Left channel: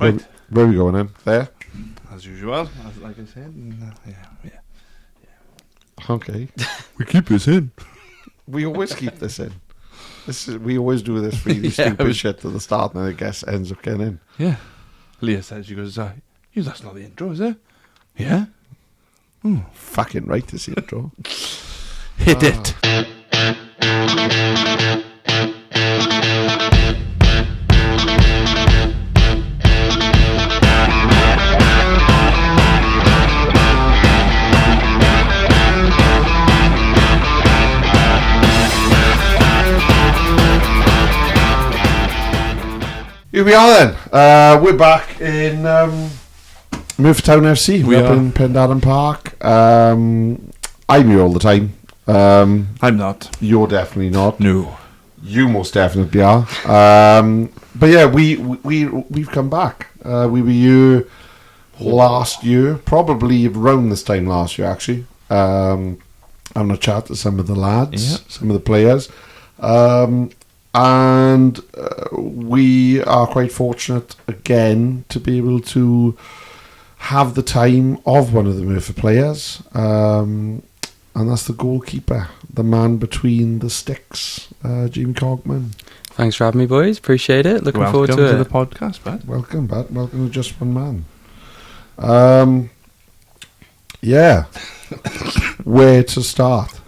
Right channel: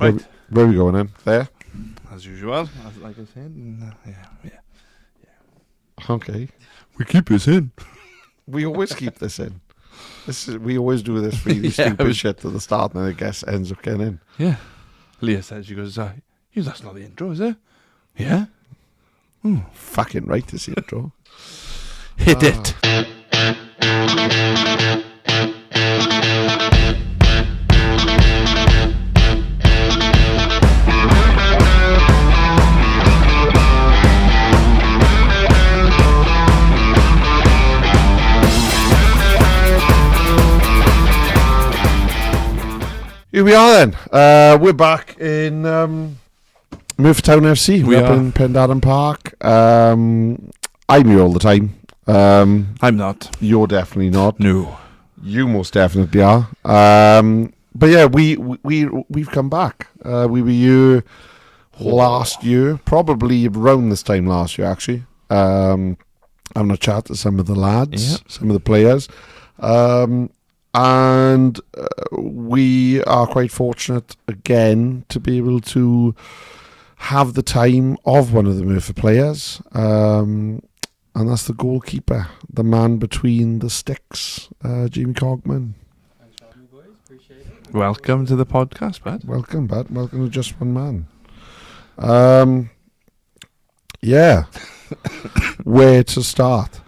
Right. Where are we going then? There? As usual, like I said. Yeah. Okay. We keep this in. We always keep this in. We always do this really stupid shit at the start and then I guess ends up getting in. Yeah. Leah says, she goes, that's not the intro, is it? Yeah. Fucking right to see it, Joe. Hit it. Here we are then. We're back in Merthyr Town FC. We We're up are. in Pendarden Park. I'm here all the time. I'm not. You're definitely not. No. You most definitely are. But yeah, we've come back. We were here last year, probably around this time last year, actually. Having a chat to some of the lads, some of the players. And we are quite fortunate again to be able to have the time of one of the Merthyr players, and that's the goalkeeper, the man between the sticks, Jaimie Cogman. Thanks for having me, boys. Appreciate it. Looking forward Welcome to to it. the podcast, bud. Welcome, bud. Welcome to Just One Man. Yeah. Where to start?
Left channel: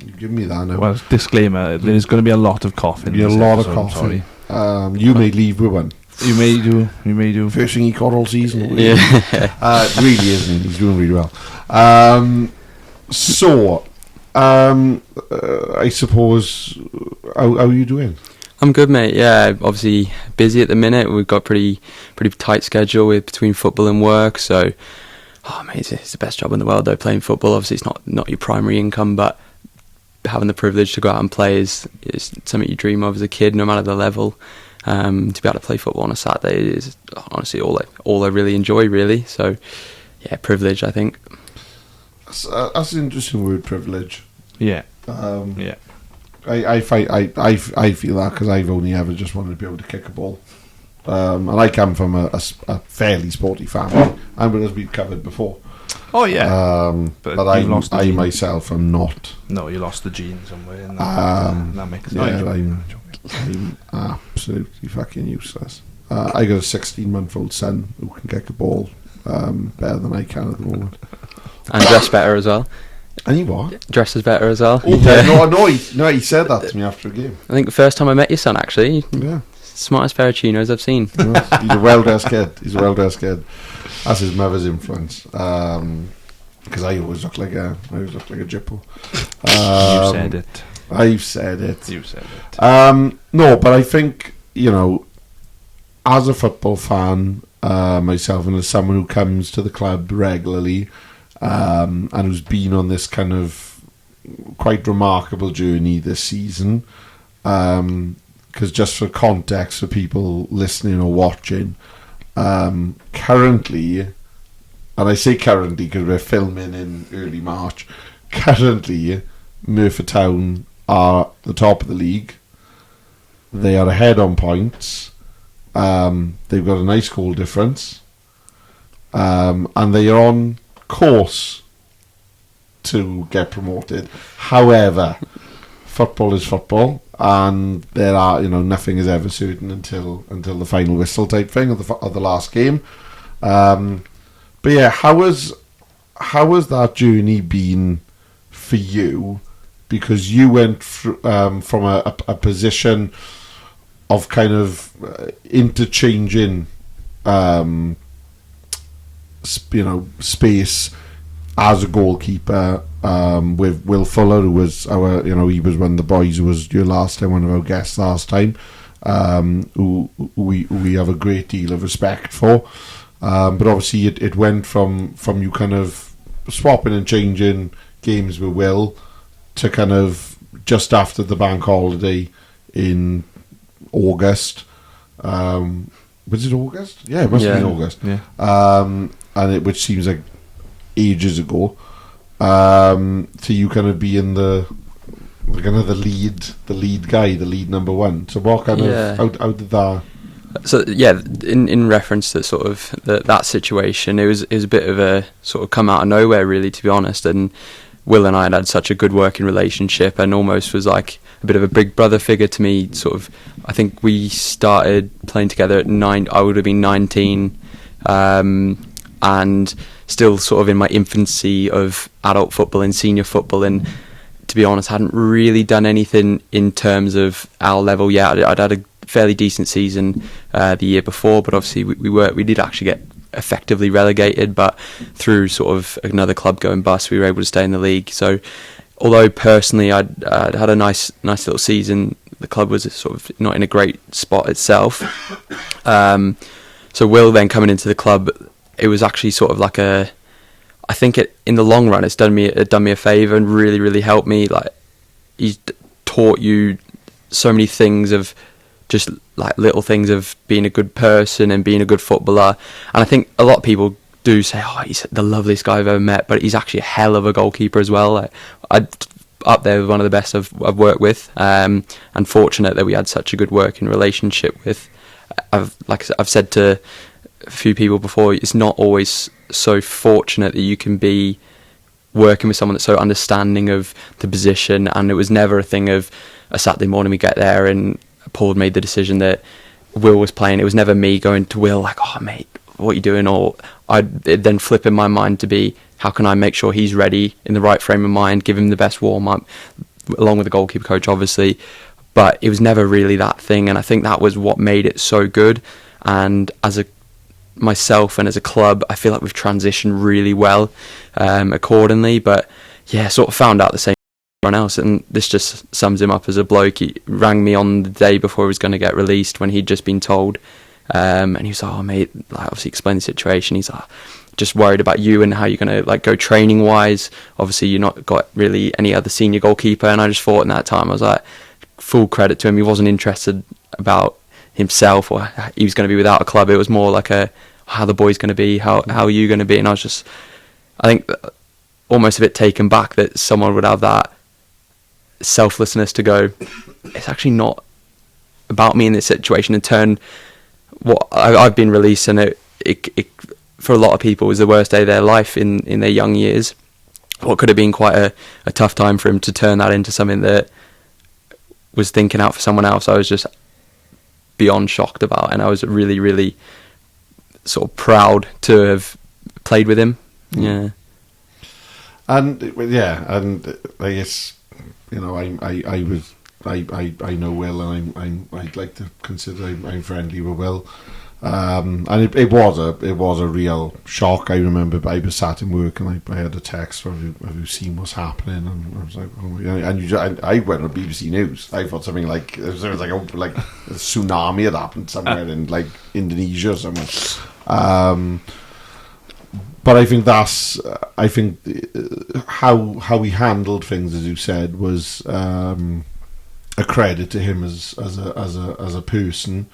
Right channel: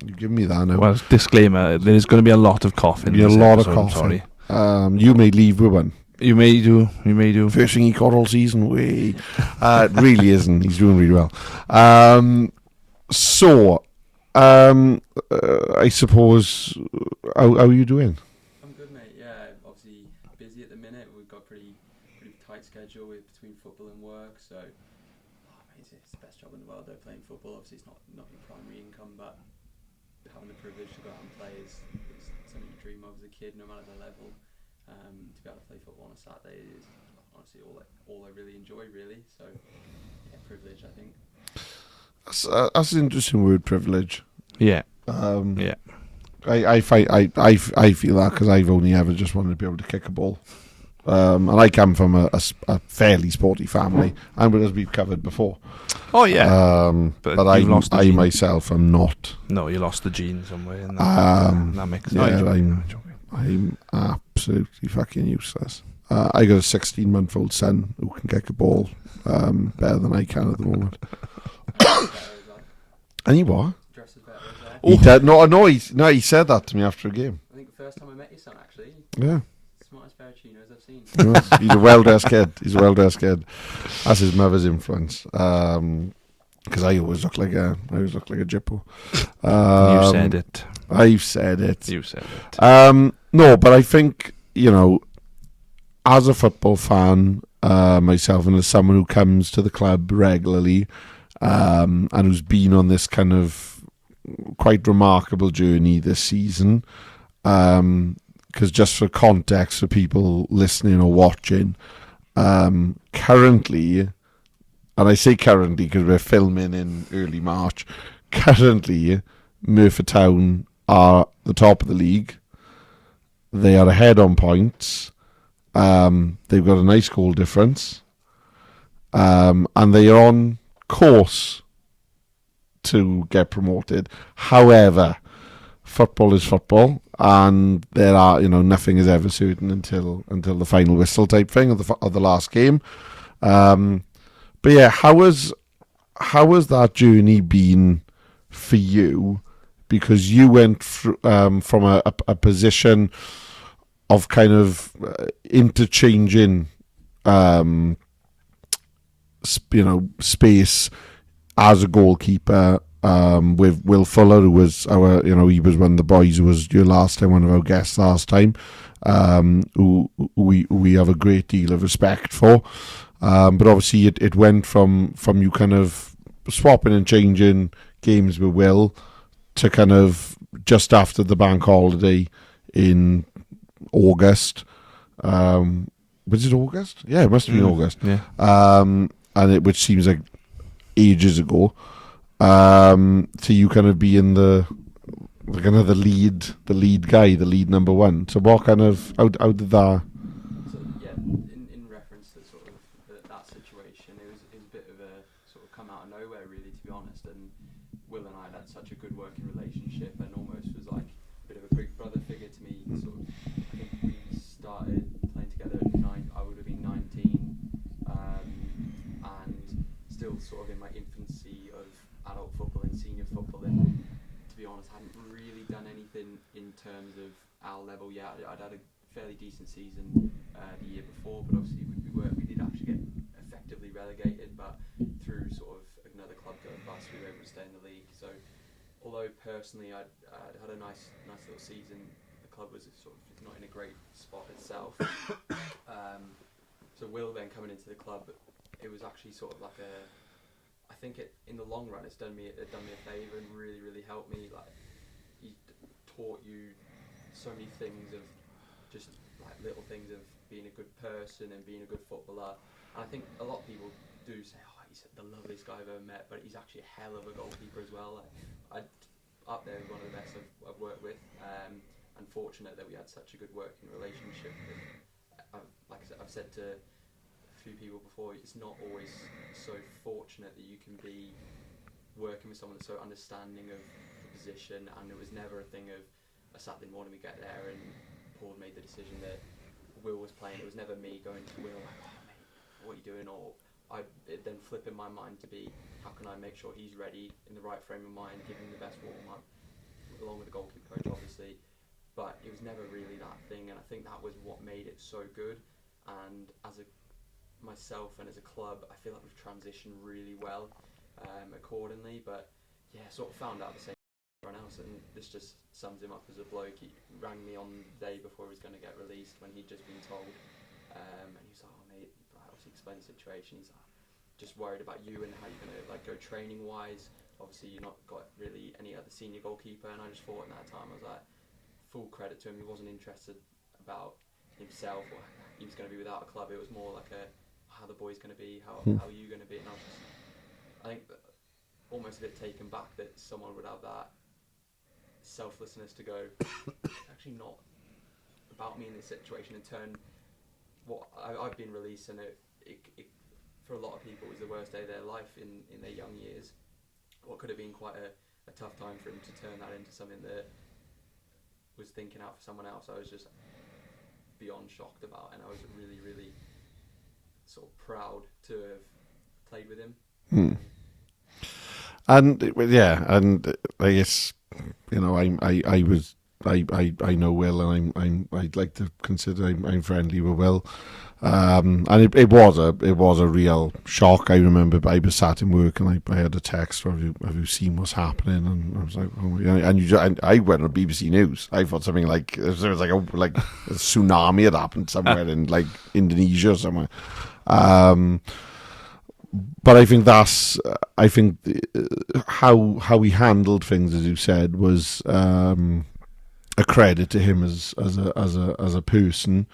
You give me that now. Well, disclaimer, there's going to be a lot of coughing. Be a this lot episode, of coughing. You may leave with one. You may do. First thing he caught all season. Yeah. Really isn't. He's doing really well. I suppose, how are you doing? I'm good, mate. Yeah, obviously busy at the minute. We've got pretty tight schedule with between football and work. So, mate, it's the best job in the world though. Playing football, obviously, it's not your primary income, but having the privilege to go out and play is something you dream of as a kid, no matter the level. To be able to play football on a Saturday is honestly all I really enjoy, really. So, yeah, privilege, I think. That's an interesting word, privilege. Yeah. Yeah. I feel that because I've only ever just wanted to be able to kick a ball. And I come from a fairly sporty family, and as we've covered before. Oh, yeah. But I myself am not. No, you lost the gene somewhere. In that mix. Yeah, I'm absolutely fucking useless. I got a 16-month-old son who can kick a ball better than I can at the moment. And dress better as well. And he what? Dresses better as well. He did. No, he said that to me after a game. I think the first time I met your son, actually. Yeah. Smartest pair of chinos I've seen. He's a well-dressed kid. That's his mother's influence. Because I always look like a jippo. You said it. I've said it. You said it. No, but I think, as a football fan, myself, and as someone who comes to the club regularly, and who's been on this kind of quite remarkable journey this season, because just for context for people listening or watching, currently, and I say currently because we're filming in early March, currently Merthyr Town are the top of the league. They are ahead on points. They've got a nice goal difference, and they are on course to get promoted. However, football is football, and there are nothing is ever certain until the final whistle type thing of the last game. But yeah, how has that journey been for you? Because you went from a position of kind of interchanging, space as a goalkeeper with Will Fuller, who was he was one of the boys who was your last time, one of our guests last time, who we have a great deal of respect for. But obviously it went from you kind of swapping and changing games with Will to kind of just after the bank holiday in August. Was it August? Yeah, it must have been August. Yeah. Which seems like ages ago. To you kind of being the lead guy, the lead number one. So what kind of how did that So yeah, in reference to sort of that situation, it was a bit of a sort of come out of nowhere, really, to be honest. And Will and I had such a good working relationship, and almost was like a bit of a big brother figure to me. Sort of, I think we started playing together at 9. I would have been 19, and still sort of in my infancy of adult football and senior football. And to be honest, hadn't really done anything in terms of our level yet. I'd had a fairly decent season the year before, but obviously we did actually get effectively relegated, but through sort of another club going bust, we were able to stay in the league. So although personally I'd had a nice little season, the club was sort of not in a great spot itself. So Will then coming into the club, it was actually sort of like I think in the long run, it done me a favour and really, really helped me. Like, he's taught you so many things of just like little things of being a good person and being a good footballer. And I think a lot of people do say, "Oh, he's the loveliest guy I've ever met," but he's actually a hell of a goalkeeper as well. Like, I'd up there with one of the best I've worked with. And fortunate that we had such a good working relationship with. I've said to a few people before, it's not always so fortunate that you can be working with someone that's so understanding of the position. And it was never a thing of a Saturday morning we get there and Paul made the decision that Will was playing. It was never me going to Will like, "Oh mate, what are you doing?" Or I'd then flip in my mind to be, how can I make sure he's ready in the right frame of mind, give him the best warm up, along with the goalkeeper coach obviously. But it was never really that thing, and I think that was what made it so good. And as myself and as a club, I feel like we've transitioned really well accordingly. But yeah, sort of found out the same as everyone else, and this just sums him up as a bloke. He rang me on the day before he was going to get released when he'd just been told, and he was like, "Oh mate," I obviously explained the situation. He's like, "Just worried about you and how you're going to like go training wise. Obviously you're not got really any other senior goalkeeper." And I just thought in that time, I was like, full credit to him, he wasn't interested about himself or he was going to be without a club. It was more like how the boy's going to be, how are you going to be. And I think almost a bit taken back that someone would have that selflessness to go, it's actually not about me in this situation, and turn what I've been released, and it for a lot of people was the worst day of their life in their young years. What could have been quite a tough time for him, to turn that into something that was thinking out for someone else. I was just beyond shocked about, and I was really, really sort of proud to have played with him. Yeah. And I guess, you know, I know Will, and I'd like to consider I'm friendly with Will. And it was a real shock. I remember I was sat in work and I had a text, "Have you seen what's happening?" And I was like, "Oh," and I went on BBC News. I thought something like there was like a tsunami had happened somewhere in like Indonesia or somewhere. But I think how he handled things, as you said, was a credit to him as a person.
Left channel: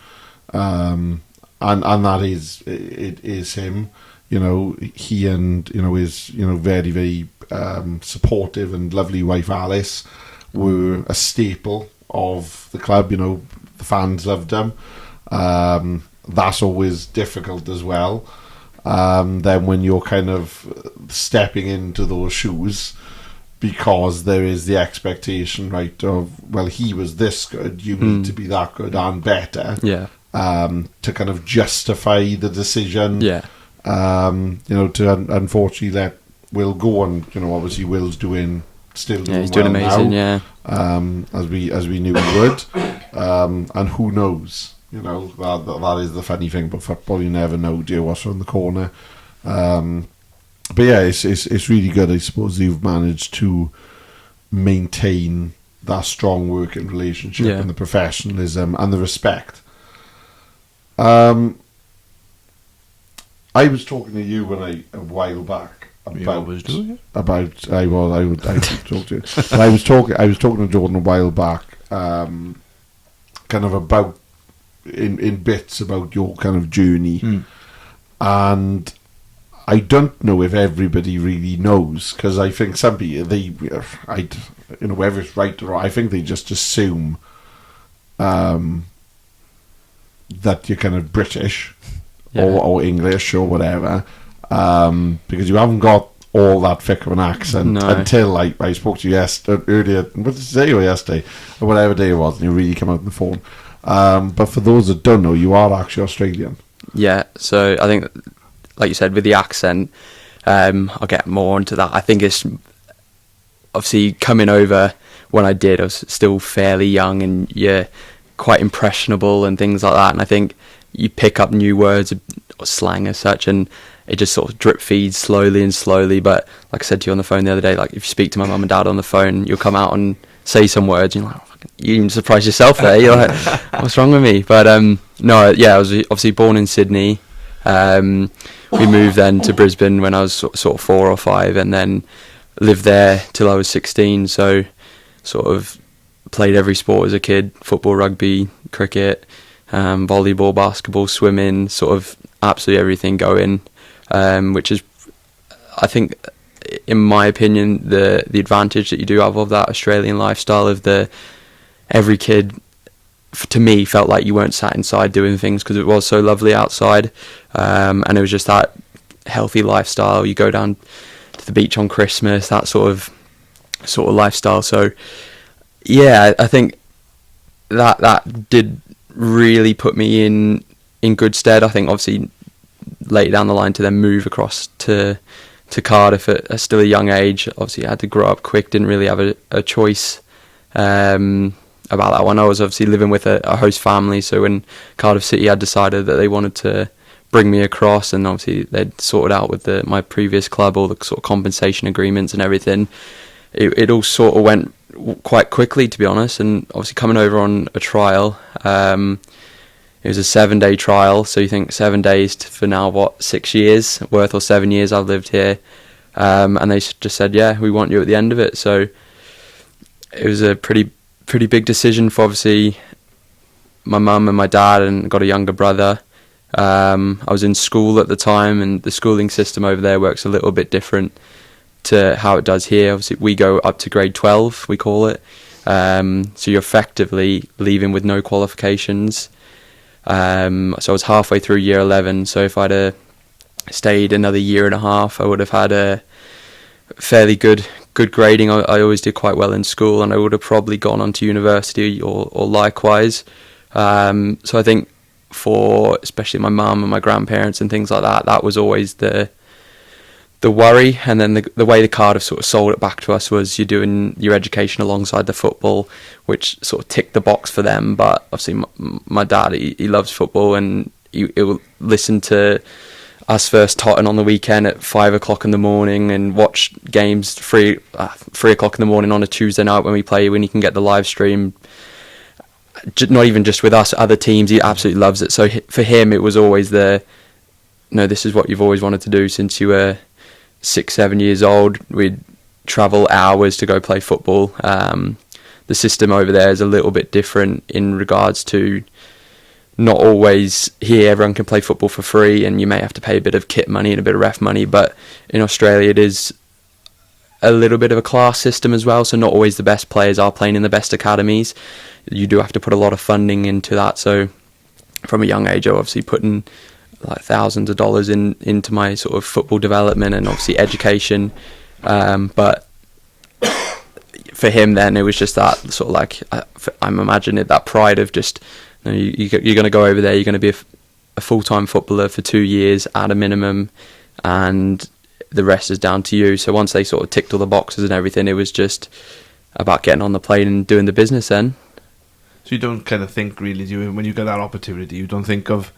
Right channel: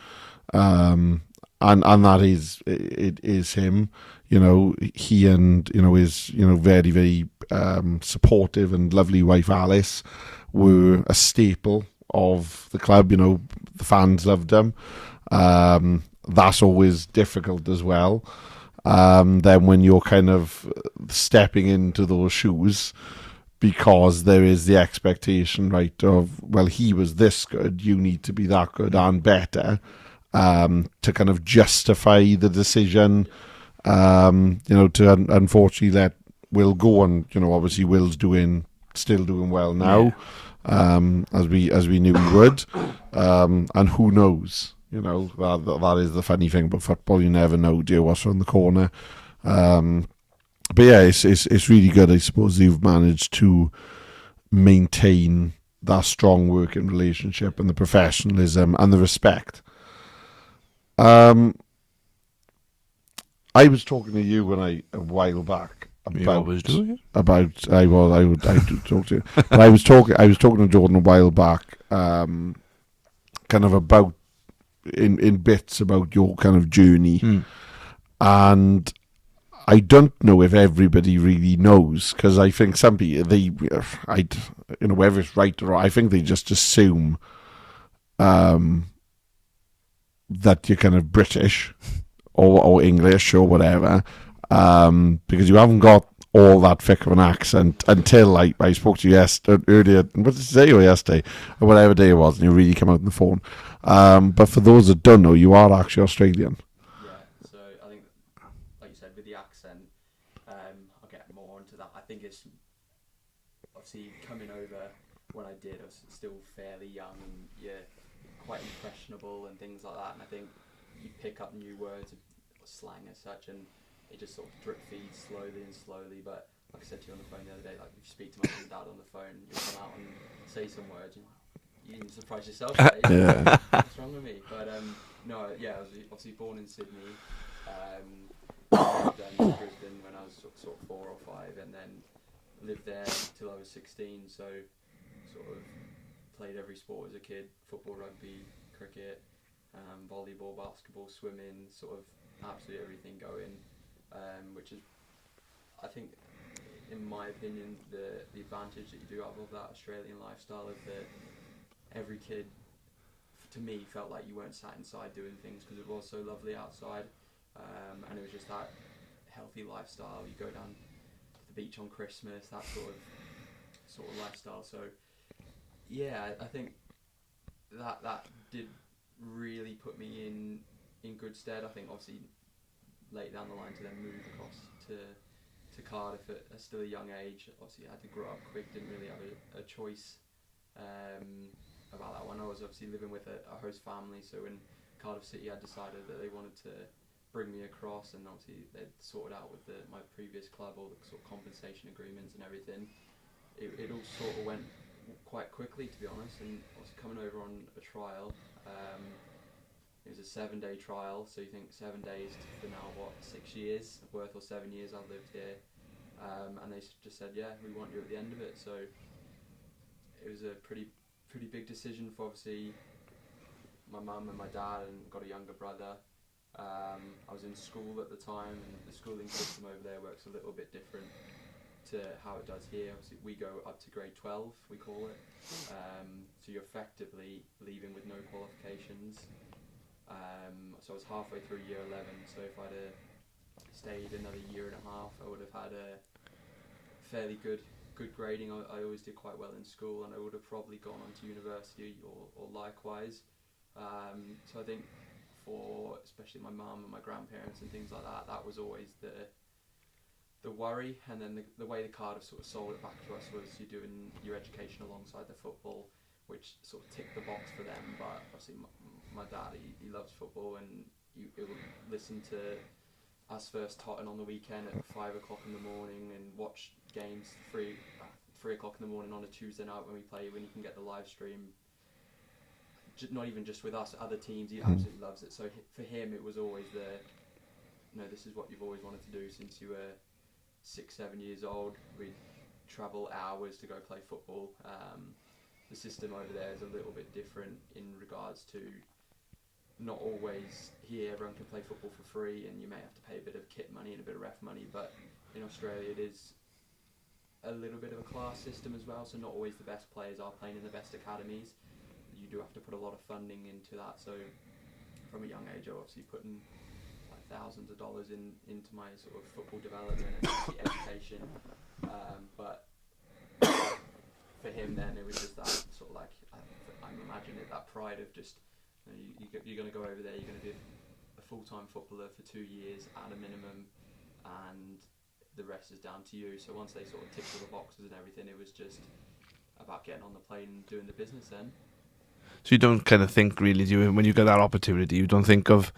And that is him, you know. He and, you know, his, you know, very, very supportive and lovely wife Alice were a staple of the club. You know, the fans loved them. That's always difficult as well. Then when you're kind of stepping into those shoes, because there is the expectation, right, of, well, he was this good, you need to be that good and better. Yeah. To kind of justify the decision, Yeah. You know, to unfortunately let Will go, and, you know, obviously Will's still doing He's well doing amazing, now, yeah. as we knew he would, and who knows, you know, that is the funny thing about football, you never know, dear, what's around the corner. But yeah, it's really good, I suppose, you've managed to maintain that strong working relationship and the professionalism and the respect. I was talking to you a while back about. You always do, yeah? I would talk to you. But I was talking to Jordan a while back, kind of about in bits about your kind of journey, and I don't know if everybody really knows, because I think some people, you know, whether it's right or wrong, I think they just assume that you're kind of British Yeah. or English or whatever, because you haven't got all that thick of an accent No. until like I spoke to you earlier. What did you say? Or yesterday, or whatever day it was, and you really come out on the phone. But for those that don't know, you are actually Australian. Yeah, so I think, like you said, with the accent, I'll get more into that. I think it's obviously coming over when I did, I was still fairly young and you're quite impressionable and things like that. And I think you pick up new words or slang as such, and it just sort of drip feeds slowly and slowly. But like I said to you on the phone the other day, like if you speak to my mum and dad on the phone, you'll come out and say some words, and you're like, oh, you even surprise yourself there. You're like, what's wrong with me? But no, yeah, I was obviously born in Sydney. We moved then to Brisbane when I was sort of 4 or 5, and then lived there till I was 16. So sort of played every sport as a kid: football, rugby, cricket, volleyball, basketball, swimming, sort of absolutely everything going, which is, I think, in my opinion, the advantage that you do have of that Australian lifestyle of every kid, to me, felt like you weren't sat inside doing things because it was so lovely outside, and it was just that healthy lifestyle. You go down to the beach on Christmas, that sort of lifestyle. So yeah, I think that did really put me in good stead. I think obviously later down the line to then move across to Cardiff at still a young age. Obviously I had to grow up quick, didn't really have a choice about that one. I was obviously living with a host family, so when Cardiff City had decided that they wanted to bring me across, and obviously they'd sorted out with my previous club all the sort of compensation agreements and everything, it all sort of went quite quickly, to be honest. And obviously coming over on a trial, it was a 7-day trial, so you think 7 days for now, 6 years worth, or 7 years I've lived here, and they just said, yeah, we want you at the end of it. So it was a pretty big decision for obviously my mum and my dad, and got a younger brother. I was in school at the time, and the schooling system over there works a little bit different to how it does here. Obviously we go up to grade 12, we call it, so you're effectively leaving with no qualifications. So I was halfway through year 11, so if I'd stayed another year and a half, I would have had a fairly good grading. I always did quite well in school, and I would have probably gone on to university or likewise. So I think for especially my mum and my grandparents and things like that, that was always the worry. And then the way the Cardiff sort of sold it back to us was you're doing your education alongside the football, which sort of ticked the box for them. But obviously my dad, he loves football, and he'll listen to us first Tottenham on the weekend at 5 o'clock in the morning, and watch games 3 o'clock in the morning on a Tuesday night when he can get the live stream. Not even just with us, other teams. He absolutely loves it. So for him, it was always this is what you've always wanted to do since you were 6-7 years old. We'd travel hours to go play football. The system over there is a little bit different in regards to not always here everyone can play football for free, and you may have to pay a bit of kit money and a bit of ref money, but in Australia it is a little bit of a class system as well, so not always the best players are playing in the best academies. You do have to put a lot of funding into that. So from a young age I obviously putting like thousands of dollars into my sort of football development and obviously education, but for him then it was just that sort of like I'm imagining that pride of just, you're going to go over there, you're going to be a full-time footballer for 2 years at a minimum, and the rest is down to you. So once they sort of ticked all the boxes and everything, it was just about getting on the plane and doing the business then. So you don't kind of think really, do you, when you get that opportunity, you don't think of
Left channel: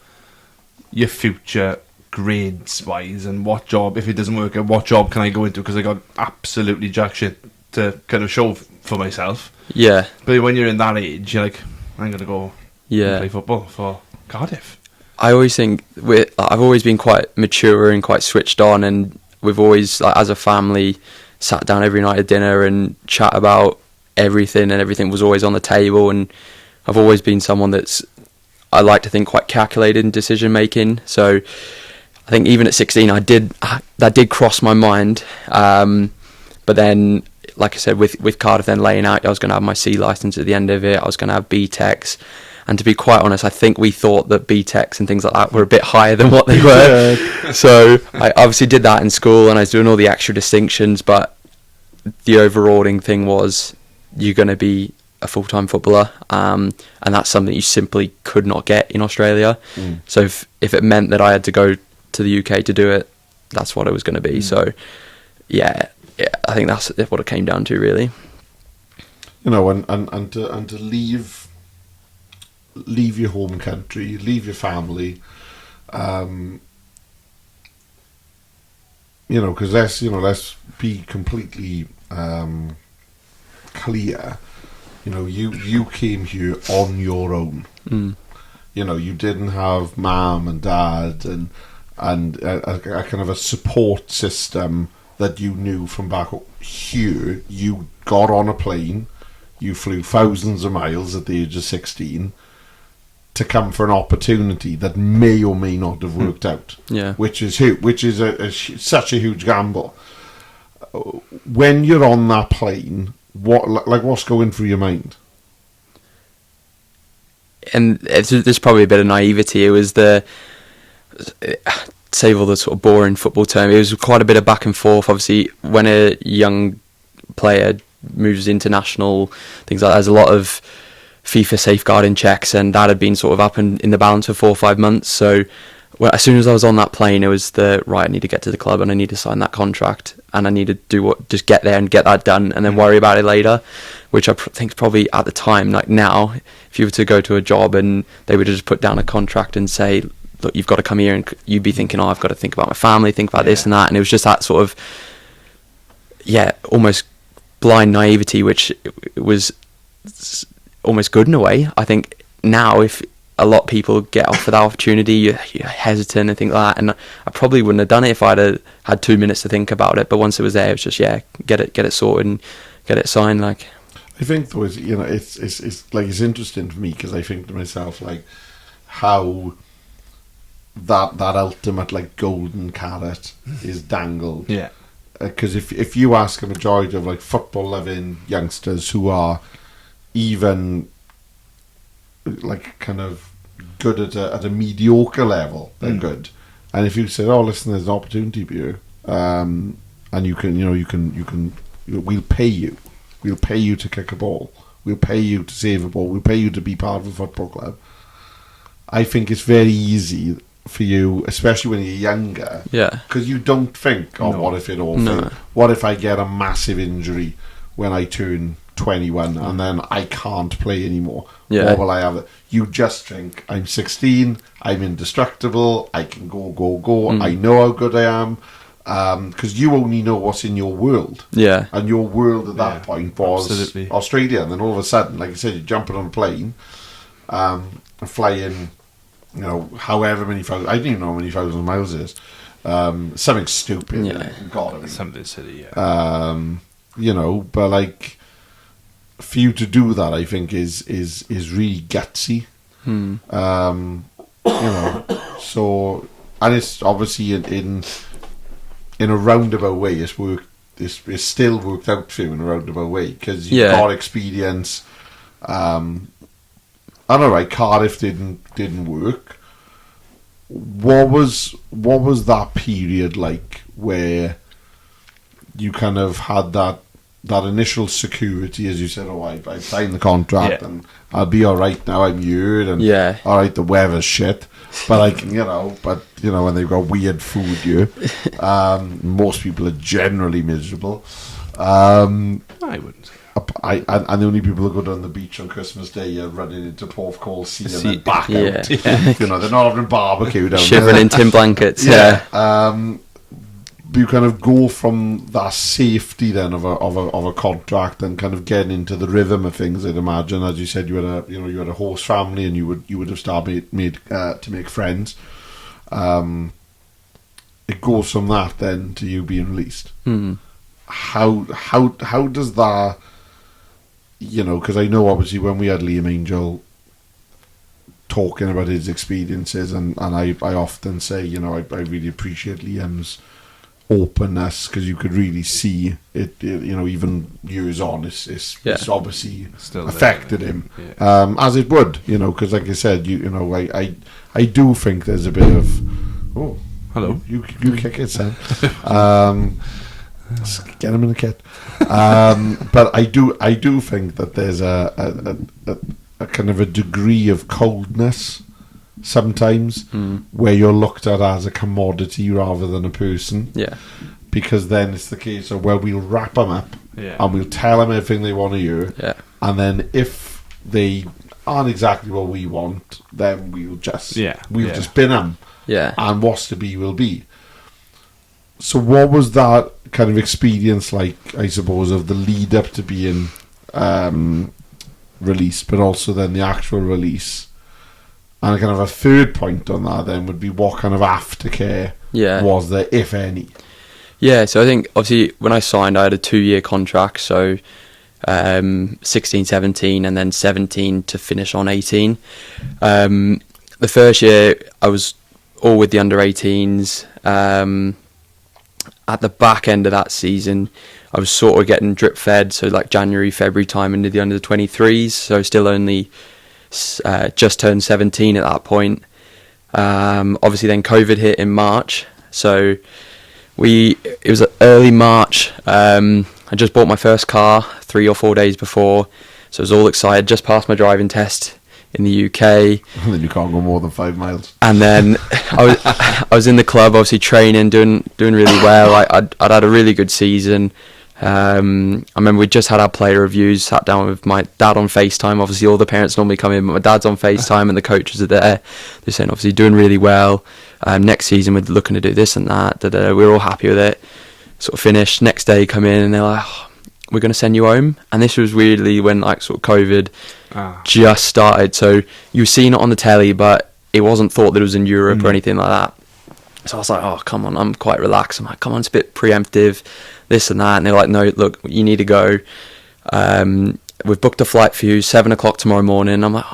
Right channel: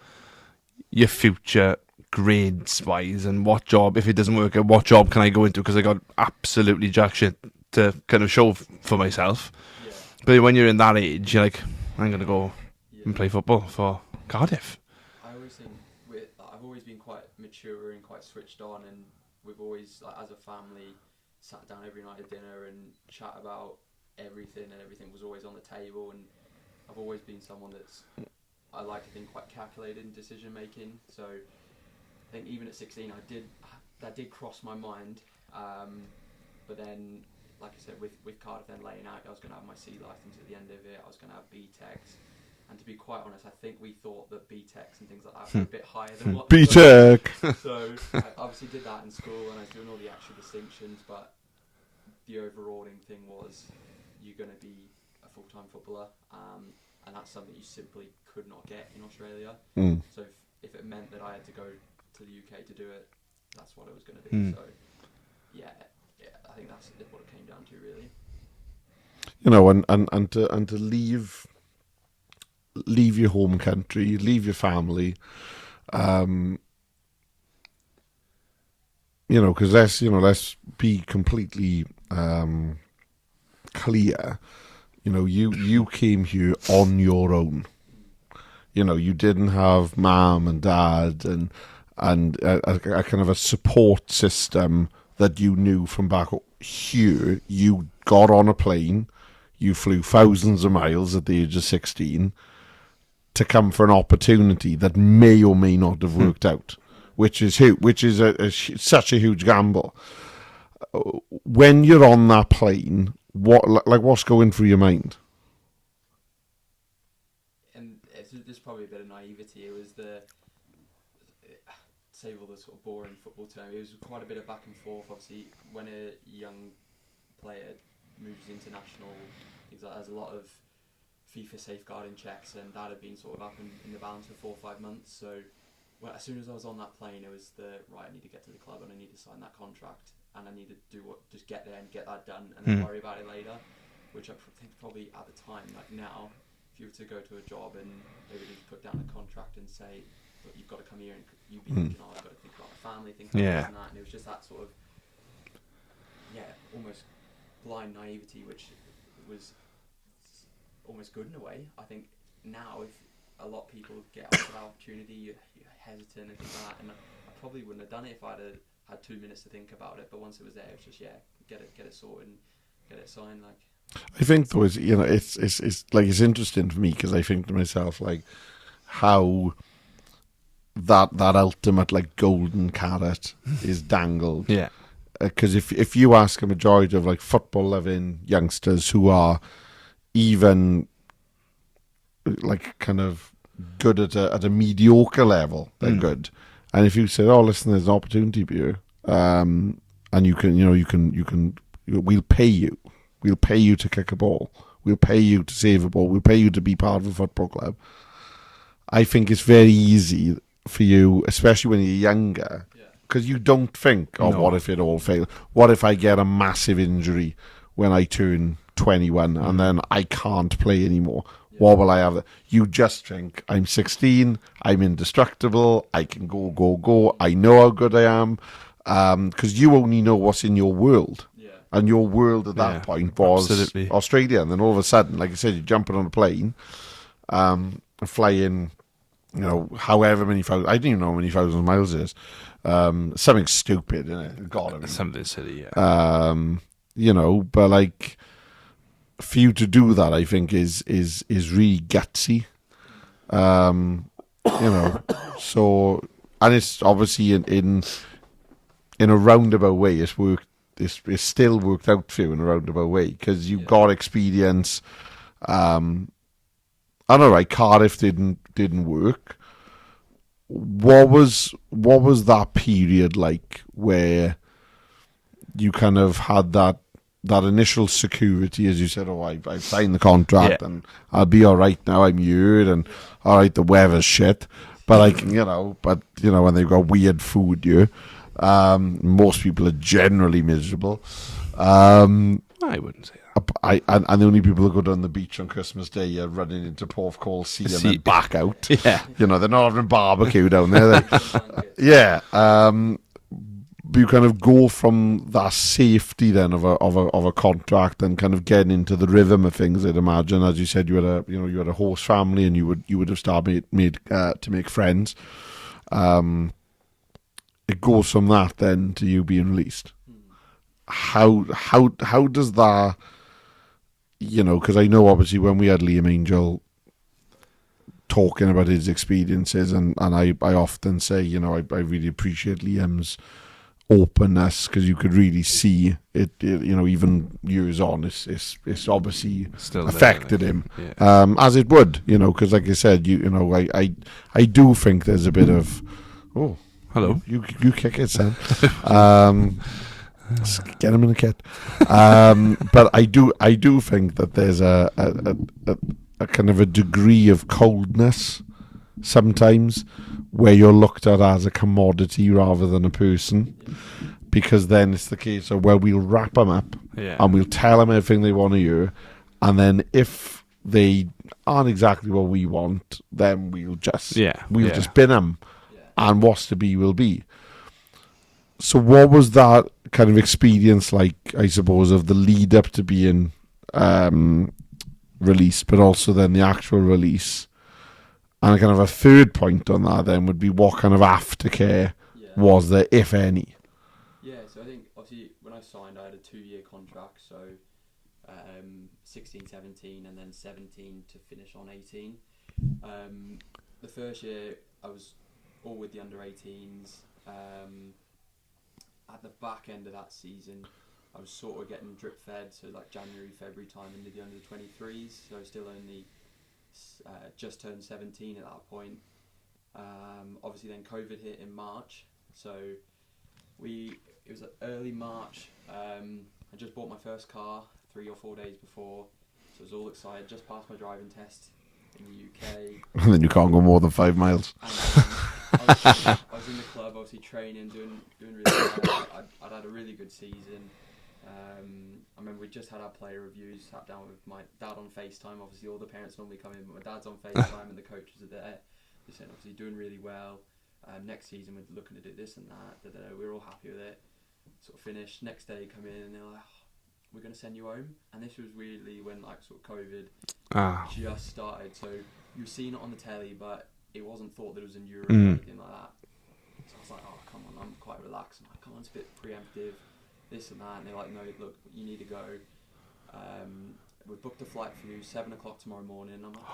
your future grades-wise and what job, if it doesn't work out, what job can I go into, because I got absolutely jack shit to kind of show for myself. Yeah. But when you're in that age, you're like, I'm going to go and play football for Cardiff. I always think I've always been quite mature and quite switched on, and we've always, like, as a family, sat down every night at dinner and chat about everything, and everything was always on the table. And I've always been someone I like to think quite calculated in decision making. So I think even at 16, that did cross my mind. But then, like I said, with Cardiff then laying out, I was going to have my C licence at the end of it. I was going to have B-Techs. And to be quite honest, I think we thought that BTECs and things like that were a bit higher than what they were. So I obviously did that in school, and I was doing all the extra distinctions, but the overordering thing was you're going to be a full-time footballer, and that's something you simply could not get in Australia. So if it meant that I had to go to the UK to do it, that's what it was going to be. So yeah, I think that's what it came down to, really. You know, and to leave your home country, leave your family, you know, because let's be completely clear. You know, you came here on your own. You know, you didn't have mum and dad and a kind of a support system that you knew from back here. You got on a plane, you flew thousands of miles at the age of 16 to come for an opportunity that may or may not have worked out. Yeah, which is such a huge gamble. When you're on that plane, what's going through your mind? And there's probably a bit of naivety. It was save all the sort of boring football term, it was quite a bit of back and forth. Obviously, when a young player moves international, things like that, there's a lot of FIFA safeguarding checks, and that had been sort of up in the balance for 4 or 5 months. So as soon as I was on that plane, it was I need to get to the club and I need to sign that contract, and I need to just get there and get that done, and then worry about it later, which I think probably at the time, like now, if you were to go to a job and they would just put down a contract and say, look, you've got to come here, and you'd be thinking, I've got to think about my family, think about this and that, and it was just that sort of, almost blind naivety, which was almost good in a way. I think now, if a lot of people get offered that opportunity, you're hesitant and things like that, and I probably wouldn't have done it if I'd had 2 minutes to think about it. But once it was there, it was just get it sorted and get it signed. Like, I think though, it's it's interesting for me, because I think to myself, like, how that ultimate, like, golden carrot is dangled. Yeah. Because if you ask a majority of, like, football loving youngsters who are even, like, kind of good at a mediocre level, they're good. And if you say, oh, listen, there's an opportunity for you, and we'll pay you. We'll pay you to kick a ball. We'll pay you to save a ball. We'll pay you to be part of a football club. I think it's very easy for you, especially when you're younger, because you don't think, what if it all fails? What if I get a massive injury when I turn 21 and then I can't play anymore? What will I have? You just think, I'm 16, I'm indestructible, I can go. I know how good I am, because you only know what's in your world. And your world at that point was Australia, and then all of a sudden, like I said, you're jumping on a plane, flying, you know, however many thousand, I don't even know how many thousand miles it is. Something stupid. Something silly, you know, but, like, for you to do that, I think is really gutsy. You know, so, and it's obviously in a roundabout way, it's still worked out for you in a roundabout way, because you've got experience. I don't know, right, Cardiff didn't work. What was that period like, where you kind of had that initial security, as you said, I signed the contract and I'll be all right now, I'm here, and all right, the weather's shit, but like, you know, when they've got weird food here, most people are generally miserable. I wouldn't say that. And the only people who go down the beach on Christmas Day are running into Porthcawl Sea and then back out. You know, they're not having barbecue down there. Shivering in tin blankets. You kind of go from that safety then of a contract and kind of getting into the rhythm of things. I'd imagine, as you said, you had a host family, and you would have started to make friends. It goes from that then to you being released. How does that? You know, because I know obviously when we had Liam Angel talking about his experiences, and I often say, you know, I really appreciate Liam's openness, because you could really see it, even years on, it's obviously Still affected there, him, yeah. as it would, because like I said, I do think there's a bit of, Hello. you kick it, Sam. Get him in the kit. But I do think that there's a kind of a degree of coldness sometimes where you're looked at as a commodity rather than a person. Yeah. Because then it's the case of, well, we'll wrap them up and we'll tell them everything they want to hear. Yeah. And then if they aren't exactly what we want, then we'll just just bin them. Yeah. And what's to be will be. So what was that kind of experience like, I suppose, of the lead up to being released, but also then the actual release? And kind of a third point on that then would be, what kind of aftercare was there, if any? Yeah, so I think obviously when I signed, I had a 2-year contract, so 16, 17, and then 17 to finish on 18. The first year I was all with the under 18s. At the back end of that season, I was sort of getting drip fed, so like January, February time into the under 23s, so still only just turned 17 at that point. Obviously then COVID hit in March, so it was early March. I just bought my first car 3 or 4 days before, so I was all excited, just passed my driving test in the UK. And then you can't go more than 5 miles. And then I was in the club, obviously training, doing really well. I'd had a really good season. I remember we just had our player reviews, sat down with my dad on FaceTime. Obviously all the parents normally come in, but my dad's on FaceTime and the coaches are there. They're saying obviously doing really well. Next season we're looking to do this and that. We were all happy with it. Sort of finished. Next day come in and they're like, we're going to send you home. And this was weirdly when like sort of COVID just started. So you were seeing it on the telly, but it wasn't thought that it was in Europe or anything like that. So I was like, oh, come on, I'm quite relaxed. I'm like, come on, it's a bit preemptive, this and that. And they're like, no, look, you need to go. We've booked a flight for you, 7 o'clock tomorrow morning. I'm like,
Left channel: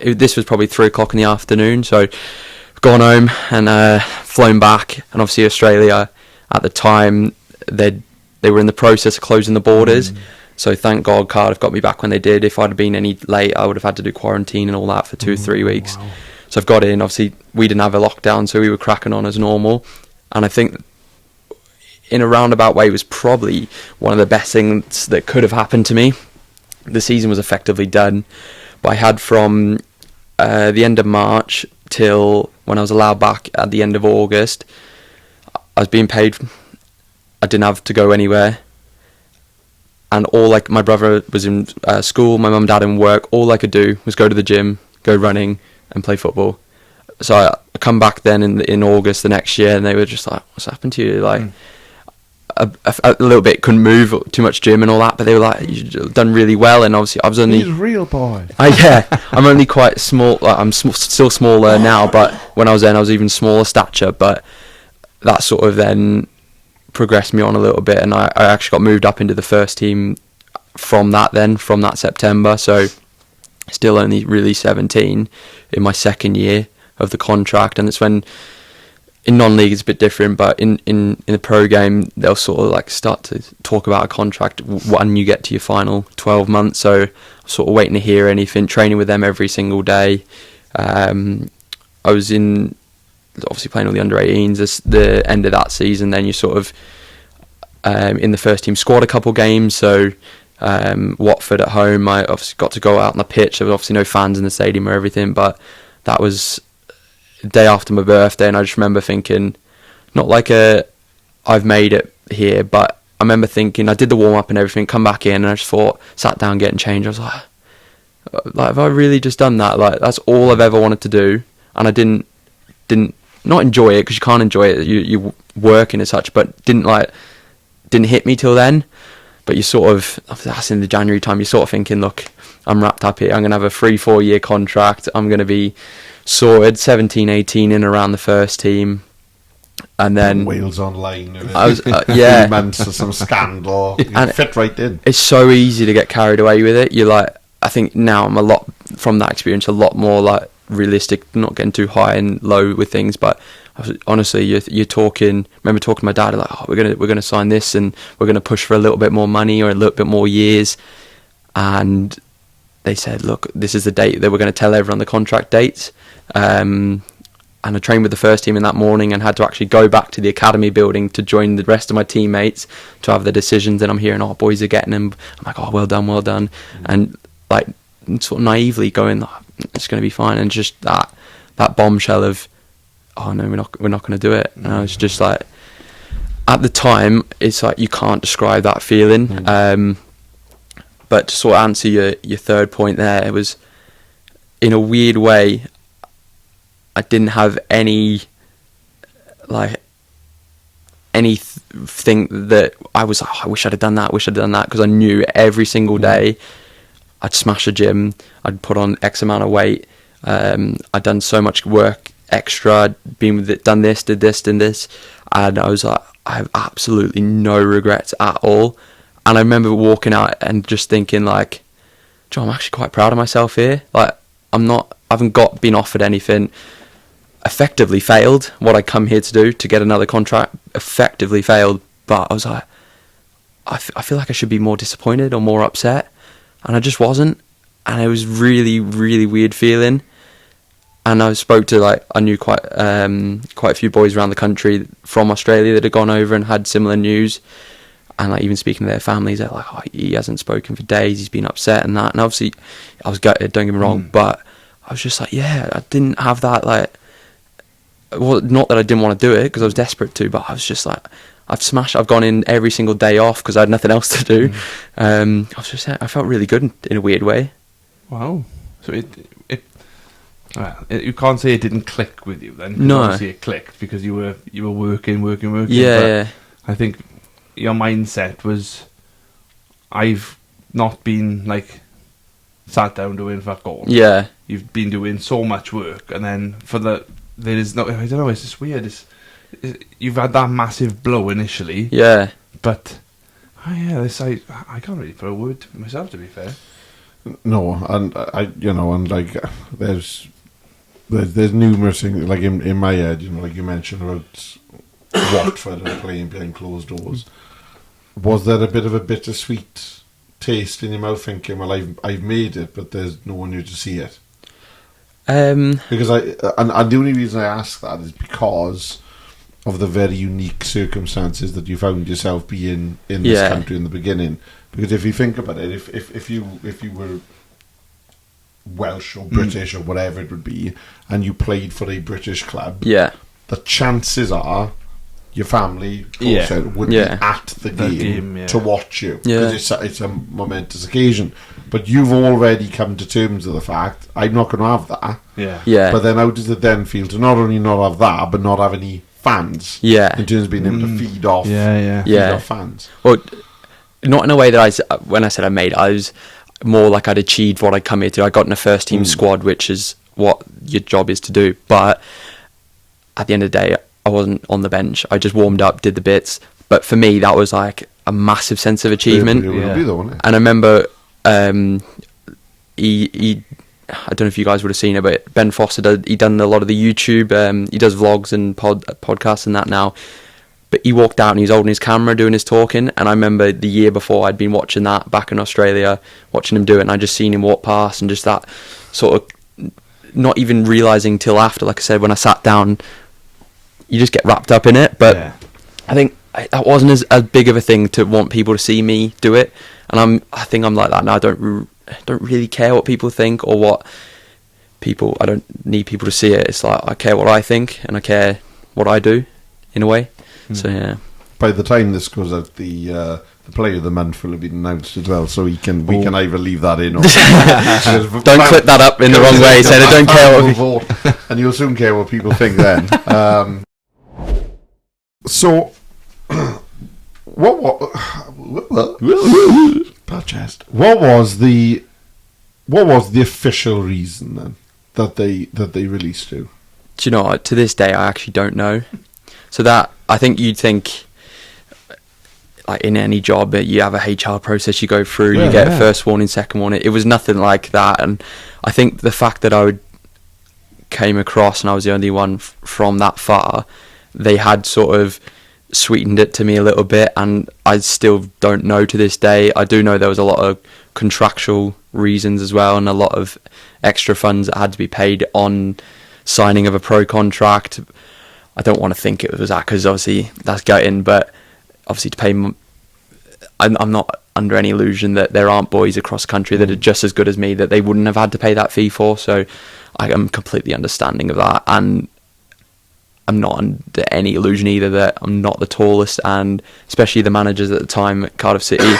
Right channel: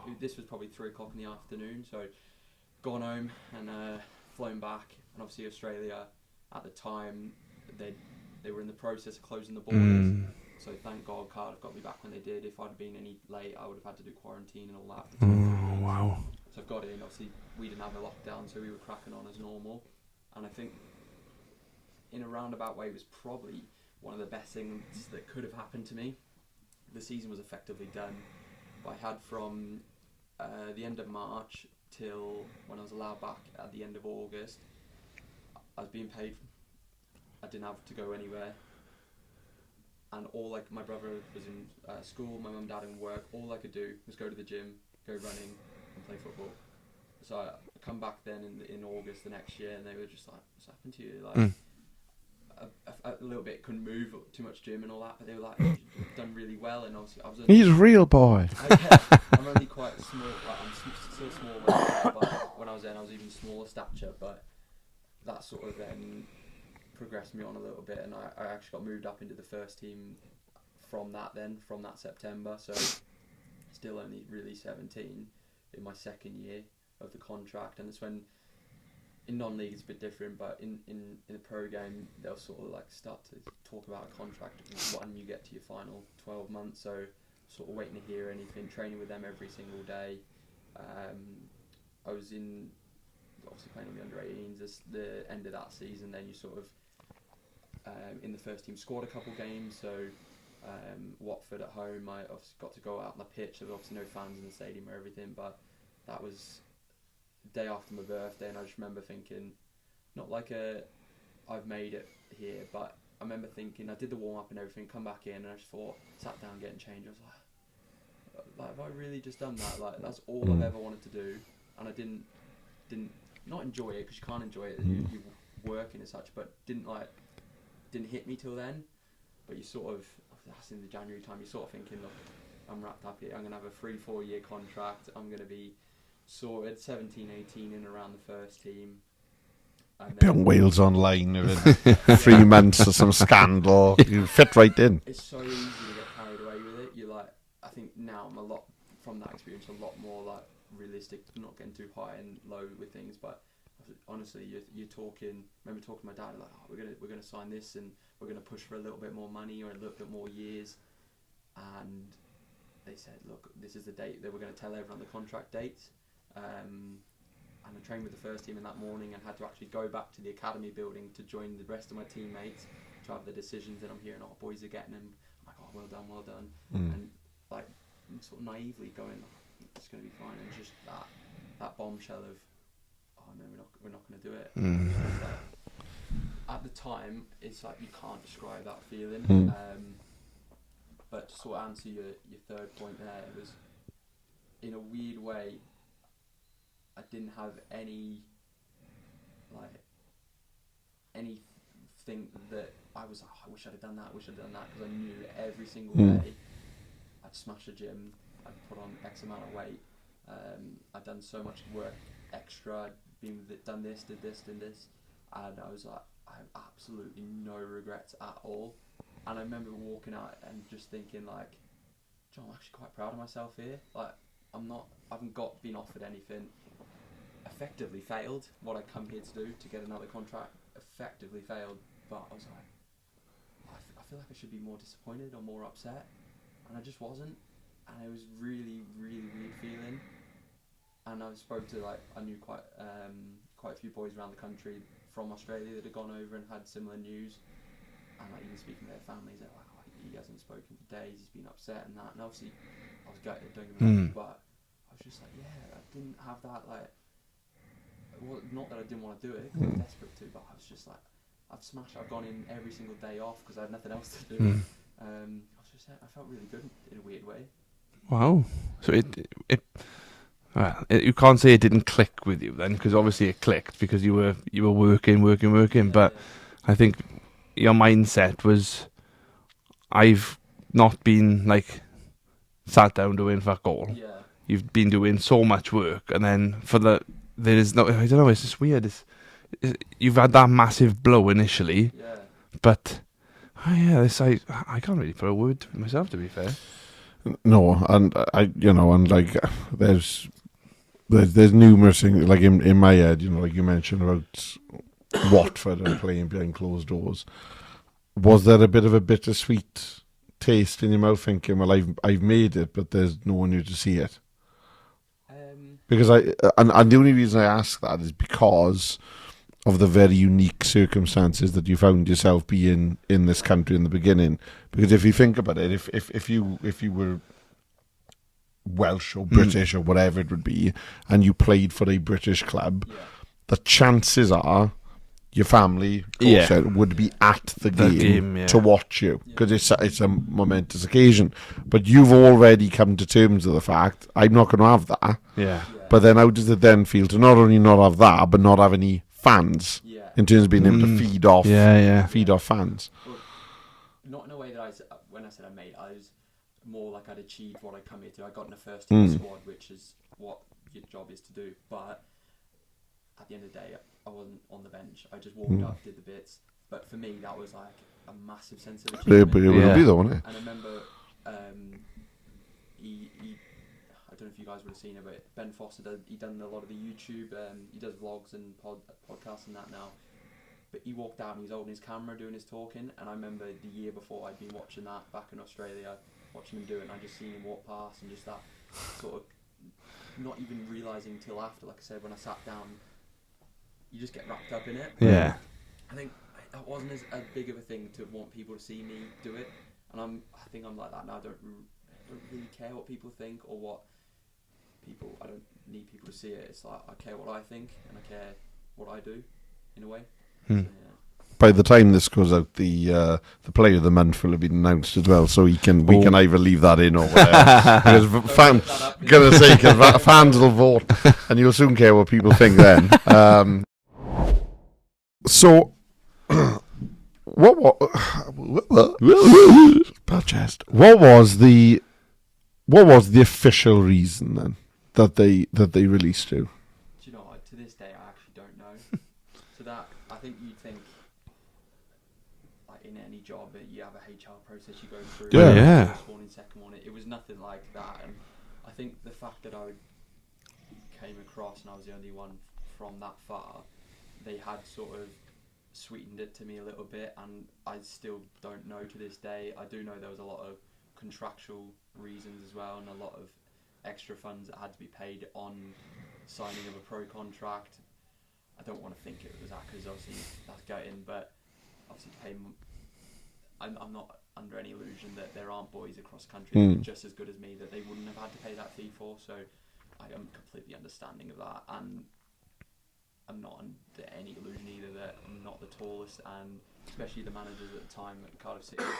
this was probably 3 o'clock in the afternoon. So I've gone home and flown back. And obviously Australia at the time, they were in the process of closing the borders. So thank God Cardiff got me back when they did. If I'd have been any late, I would have had to do quarantine and all that for 2-3 weeks. Wow. So I've got in. Obviously, we didn't have a lockdown, so we were cracking on as normal. And I think in a roundabout way, it was probably one of the best things that could have happened to me. The season was effectively done. But I had from the end of March till when I was allowed back at the end of August, I was being paid. I didn't have to go anywhere. And my brother was in school, my mum and dad in work. All I could do was go to the gym, go running, and play football. So I come back then in August the next year, and they were just like, "What's happened to you?" Like a little bit, couldn't move, too much gym and all that. But they were like, "You've done really well." And obviously, I was only He's a real boy. I'm only quite small. Like, I'm still smaller now, but when I was then, I was even smaller stature. But that sort of then progressed me on a little bit, and I actually got moved up into the first team from that September. So still only really 17 in my second year of the contract. And it's when in non-league it's a bit different, but in the pro game they'll sort of like start to talk about a contract when you get to your final 12 months. So I'm sort of waiting to hear anything, training with them every single day. I was obviously playing all the under 18s the end of that season. Then you sort of in the first team squad a couple games. So Watford at home, I obviously got to go out on the pitch. There was obviously no fans in the stadium or everything, but that was the day after my birthday, and I just remember thinking, not like I've made it here, but I remember thinking, I did the warm up and everything, come back in, and I just sat down getting changed. I was like, have I really just done that? Like, that's all I've ever wanted to do, and I didn't not enjoy it, because you can't enjoy it, you working as such, but didn't hit me till then. But you sort of, that's in the January time, you're sort of thinking, look, I'm wrapped up here, I'm going to have a 3-4 year contract, I'm going to be sorted, 17, 18 in around the first team. And then Wales Online, I was, 3 months of some scandal, you fit right in. It's so easy to get carried away with it. You're like, I think now I'm from that experience, a lot more like realistic, not getting too high and low with things, but honestly, you're talking. Remember talking to my dad like, oh, we're gonna sign this, and we're gonna push for a little bit more money or a little bit more years, and they said, look, this is the date that we're going to tell everyone the contract dates. And I trained with the first team in that morning and had to actually go back to the academy building to join the rest of my teammates to have the decisions. And I'm hearing, oh, boys are getting them. I'm like, oh, well done. And like sort of naively going, oh, it's going to be fine. And just that bombshell of, oh no, we're not going to do it. And I was just like, at the time, it's like you can't describe that feeling. But to sort of answer your third point there, it was, in a weird way, I didn't have anything that I was like, oh, I wish I'd have done that, because I knew every single day I'd smash a gym, I'd put on X amount of weight, I'd done so much work extra, been with it, done this, did this, and this, and I was like, I have absolutely no regrets at all. And I remember walking out and just thinking, like, Joe, I'm actually quite proud of myself here. Like, I haven't been offered anything. Effectively failed what I come here to do, to get another contract. Effectively failed. But I was like, I feel like I should be more disappointed or more upset. And I just wasn't. And it was really, really weird feeling. And I spoke to, like, I knew quite a few boys around the country from Australia that had gone over and had similar news. And like even speaking to their families, they're like, oh, he hasn't spoken for days, he's been upset and that. And obviously, I was gutted, don't get me wrong, but I was just like, yeah, I didn't have that, like, well, not that I didn't want to do it, because I was desperate to, but I was just like, I've gone in every single day off because I had nothing else to do. I felt really good in a weird way. Wow. So you can't say it didn't click with you then, because obviously it clicked because you were working. Yeah. I think your mindset was, I've not been like sat down doing fuck all. Yeah. You've been doing so much work, and then there is no, I don't know, it's just weird. You've had that massive blow initially. Yeah. But I can't really put a word to myself, to be fair. No, and like there's numerous things like in my head, like you mentioned about Watford and playing behind closed doors. Was there a bit of a bittersweet taste in your mouth, thinking, well, I've made it, but there's no one here to see it? Because and the only reason I ask that is because of the very unique circumstances that you found yourself being in this country in the beginning. Because if you think about it, if you were Welsh or British or whatever it would be, and you played for a British club, the chances are your family would be at the game to watch you, because it's a momentous occasion. But you've already come to terms with the fact, I'm not going to have that. But then how does it then feel to not only not have that, but not have any fans? In terms of being able to feed off fans. Well, not in a way that when I said I made, I was more like I'd achieved what I'd come here to. I got in a first team squad, which is what your job is to do. But at the end of the day, I wasn't on the bench. I just warmed up, did the bits. But for me, that was like a massive sense of achievement. It would be though, wouldn't it? And I remember he I don't know if you guys would have seen it, but Ben Foster, he done a lot of the YouTube. He does vlogs and podcasts and that now. But he walked out and he was holding his camera, doing his talking. And I remember the year before, I'd been watching that back in Australia, watching him do it. And I just seen him walk past, and just that sort of not even realising till after, like I said, when I sat down, you just get wrapped up in it. But I think that wasn't as big of a thing to want people to see me do it. And I think I'm like that now. I don't really care what people think or what people. I don't need people to see it. It's like I care what I think and I care what I do, in a way. So yeah. By the time this goes out, the player of the month will have been announced as well, so we can either leave that in or don't clip that up in the wrong way. So they don't care will vote, and you'll soon care what people think then. So, what was the official reason then that they released you? Do you know what? To this day, I actually don't know. So that, I think you'd think, like in any job, you have a HR process you go through, you get first warning, second warning. It was nothing like that. And I think the fact that I would came across and I was the only one from that far, they had sort of sweetened it to me a little bit, and I still don't know to this day. I do know there was a lot of contractual reasons as well, and a lot of extra funds that had to be paid on signing of a pro contract. I don't want to think it was that, because obviously that's gutting, but obviously to pay I'm not under any illusion that there aren't boys across country that are just as good as me that they wouldn't have had to pay that fee for, so I am completely understanding of that, and I'm not under any illusion either that I'm not the tallest, and especially the managers at the time at Cardiff City,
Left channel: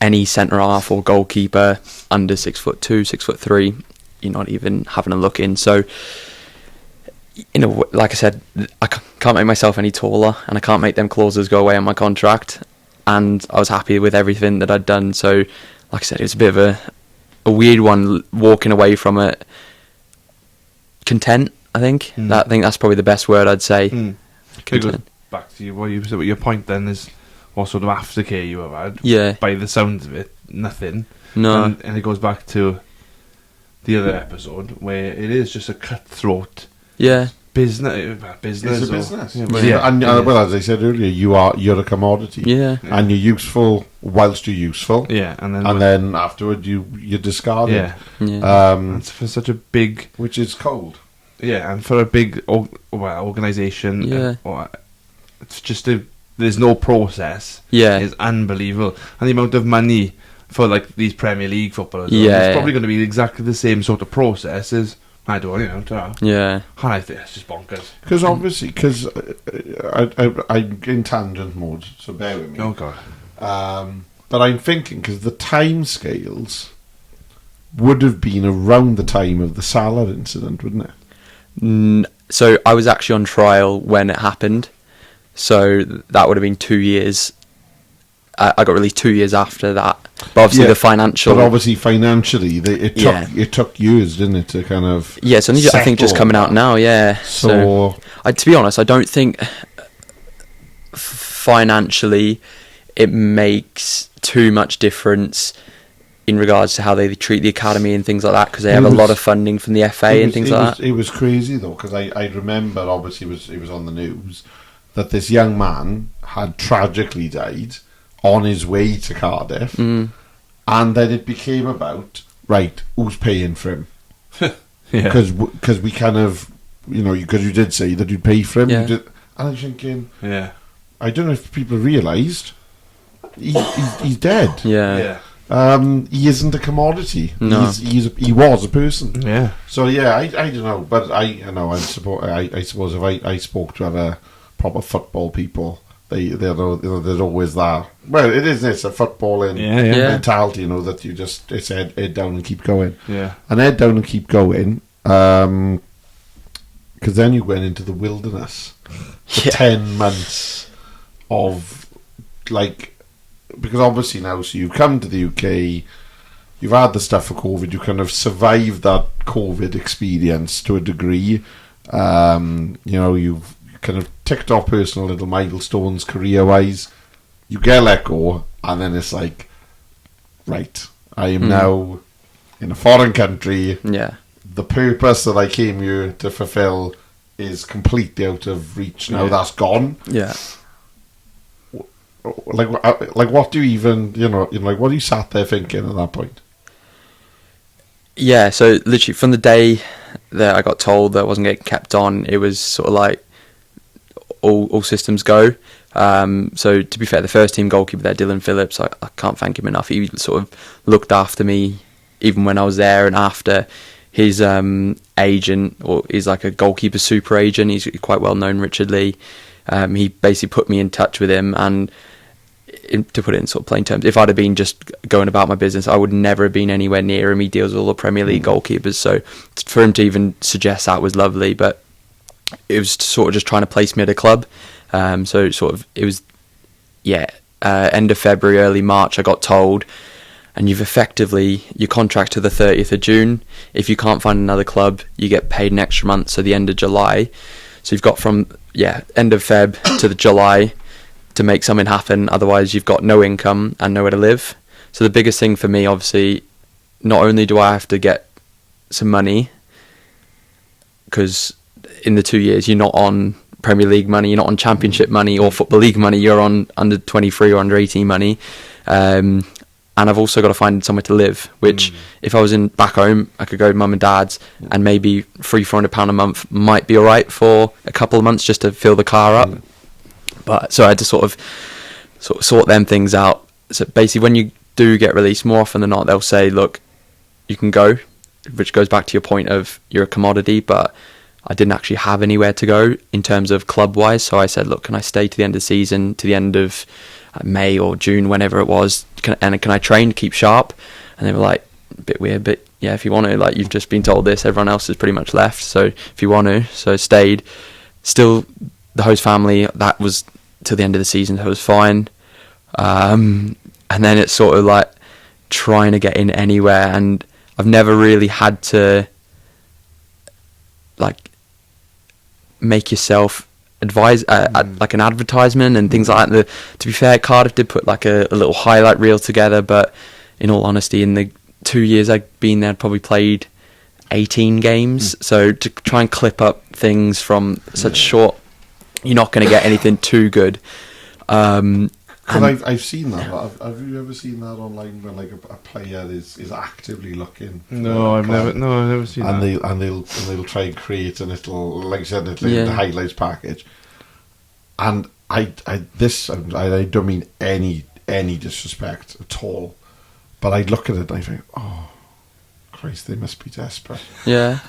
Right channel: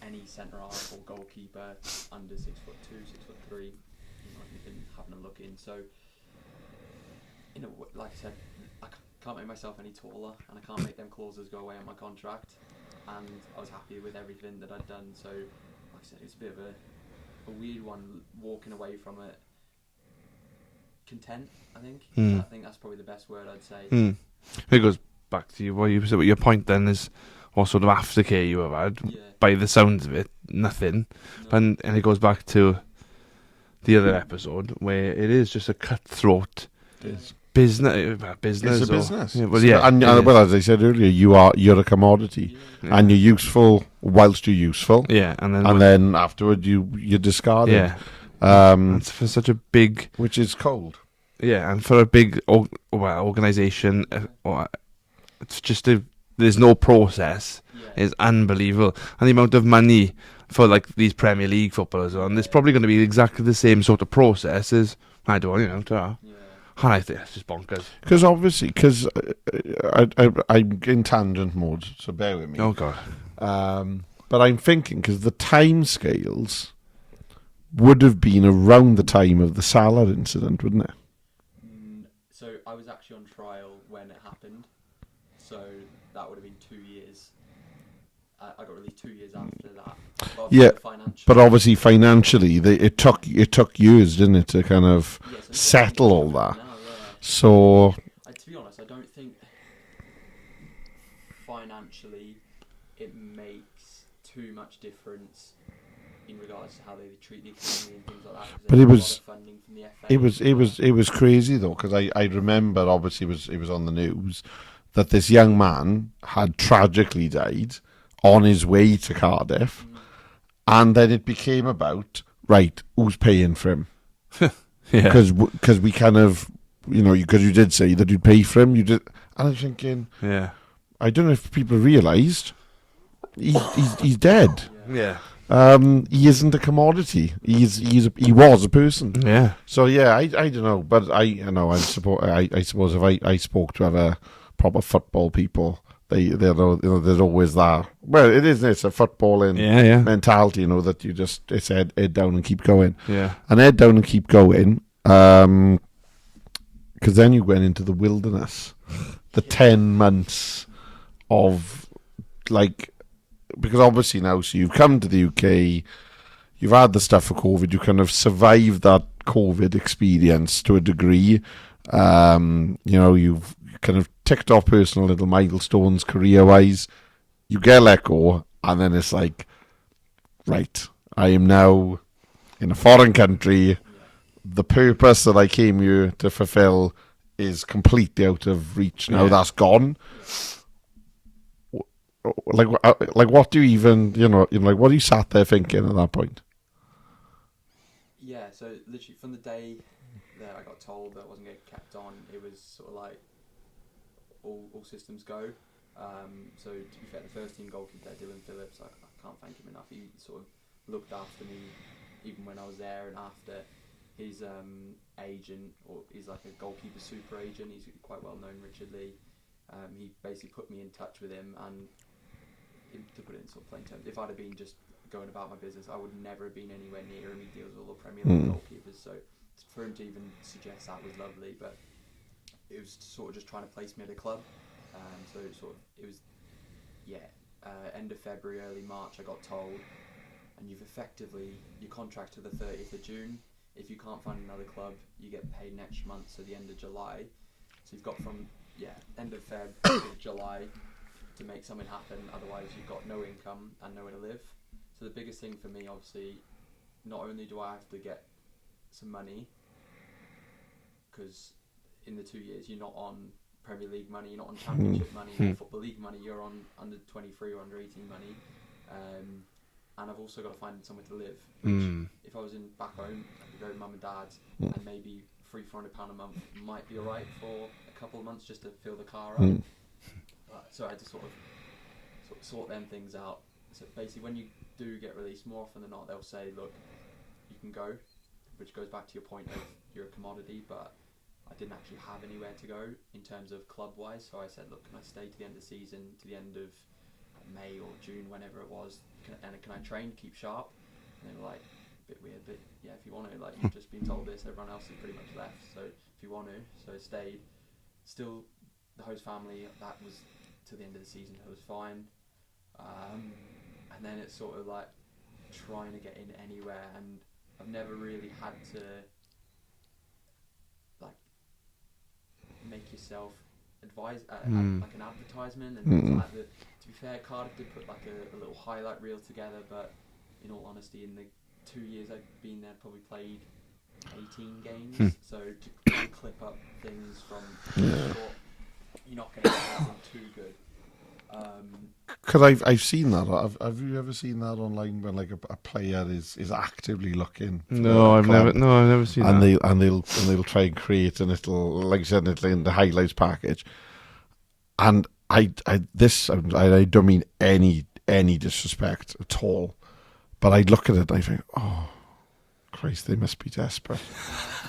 any centre half or goalkeeper under 6'2", 6'3", you're not even having a look in. So, you know, like I said, I can't make myself any taller, and I can't make them clauses go away on my contract. And I was happy with everything that I'd done. So, like I said, it was a bit of a weird one walking away from it. Content, I think. I think that's probably the best word I'd say. It goes back to what you said. Your point then is what sort of aftercare you have had. Yeah. By the sounds of it, nothing. No. And it goes back to the other episode where it is just a cutthroat. Yeah. Business. It's a business. Yeah, and well, as I said earlier, you're a commodity. Yeah. And you're useful whilst you're useful. Yeah, and then afterward you discard it. Yeah. It's for such a big, which is cold. yeah, and for a big organisation, Yeah. it's just there's no process. Yeah. It's unbelievable, and the amount of money for like these Premier League footballers, Yeah. it's probably going to be exactly the same sort of process as I don't, Yeah. And I think it's just bonkers. Because obviously, because I'm in tangent mode, so bear with me. Oh god. But I'm thinking, because the time scales would have been around the time of the Salah incident, wouldn't it? So I was actually on trial when it happened. So that would have been 2 years. I got released 2 years after that. But obviously the financial... But obviously financially, it took years, didn't it, to kind of... Yeah, it's only, I think, just coming out now, yeah. So to be honest, I don't think financially it makes too much difference in regards to how they treat the academy and things like that, because they have a lot of funding from the FA and things like that. It was crazy, though, because I remember, obviously, it was on the news, that this young man had tragically died on his way to Cardiff, and then it became about, right, who's paying for him? Because we kind of, because you did say that you'd pay for him, and I'm thinking, I don't know if people realised, he's dead. He isn't a commodity. No. He was a person. Yeah. So I don't know, but I suppose if I spoke to other proper football people, they're always that. Well, it's a footballing mentality, that you just, it's head down and keep going. Yeah. And head down and keep going. Because then you went into the wilderness for 10 months of because obviously now, so you've come to the UK, you've had the stuff for COVID, you kind of survived that COVID experience to a degree. You've kind of ticked off personal little milestones career-wise. You get let go, and then it's like, right, I am now in a foreign country. Yeah. The purpose that I came here to fulfill is completely out of reach now. That's gone. Yeah. What do you even, what are you sat there thinking at that point? Yeah, so literally from the day that I got told that I wasn't getting kept on, it was sort of like all systems go. So to be fair, the first team goalkeeper there, Dylan Phillips, I can't thank him enough. He sort of looked after me even when I was there and after. His agent, or he's like a goalkeeper super agent, he's quite well known, Richard Lee. He basically put me in touch with him, and to put it in sort of plain terms, if I'd have been just going about my business, I would never have been anywhere near him. He deals with all the Premier League goalkeepers, so for him to even suggest that was lovely, but it was sort of just trying to place me at a club. So sort of, it was, end of February, early March, I got told, and you've effectively, your contract to the 30th of June. If you can't find another club, you get paid an extra month, so the end of July. So you've got from, end of Feb to the July to make something happen. Otherwise, you've got no income and nowhere to live. So the biggest thing for me, obviously, not only do I have to get some money, because in the 2 years you're not on Premier League money, you're not on Championship money or Football League money, you're on under 23 or under 18 money. And I've also got to find somewhere to live, which if I was in back home, I could go to mum and dad's, and maybe £300-400 a month might be all right for a couple of months just to fill the car up. But so I had to sort of sort them things out. So basically, when you do get released, more often than not, they'll say, look, you can go, which goes back to your point of you're a commodity, but I didn't actually have anywhere to go in terms of club-wise. So I said, look, can I stay to the end of the season, to the end of May or June, whenever it was, can I train to keep sharp? And they were like, a bit weird, but yeah, if you want to, like, you've just been told this, everyone else has pretty much left, so if you want to. So I stayed. Still, the host family, that was till the end of the season, so it was fine. And then it's sort of like trying to get in anywhere, and I've never really had to like make yourself advise like an advertisement and things like that. To be fair, Cardiff did put like a little highlight reel together, but in all honesty, in the 2 years I've been there, I'd probably played 18 games. So to try and clip up things from such short, you're not going to get anything too good. Because I've seen that. Have you ever seen that online where like a player is actively looking? No, I've never seen and that. They'll try and create a little, like I said, the highlights package. And I don't mean any disrespect at all, but I'd look at it and I think, oh Christ, they must be desperate. Yeah.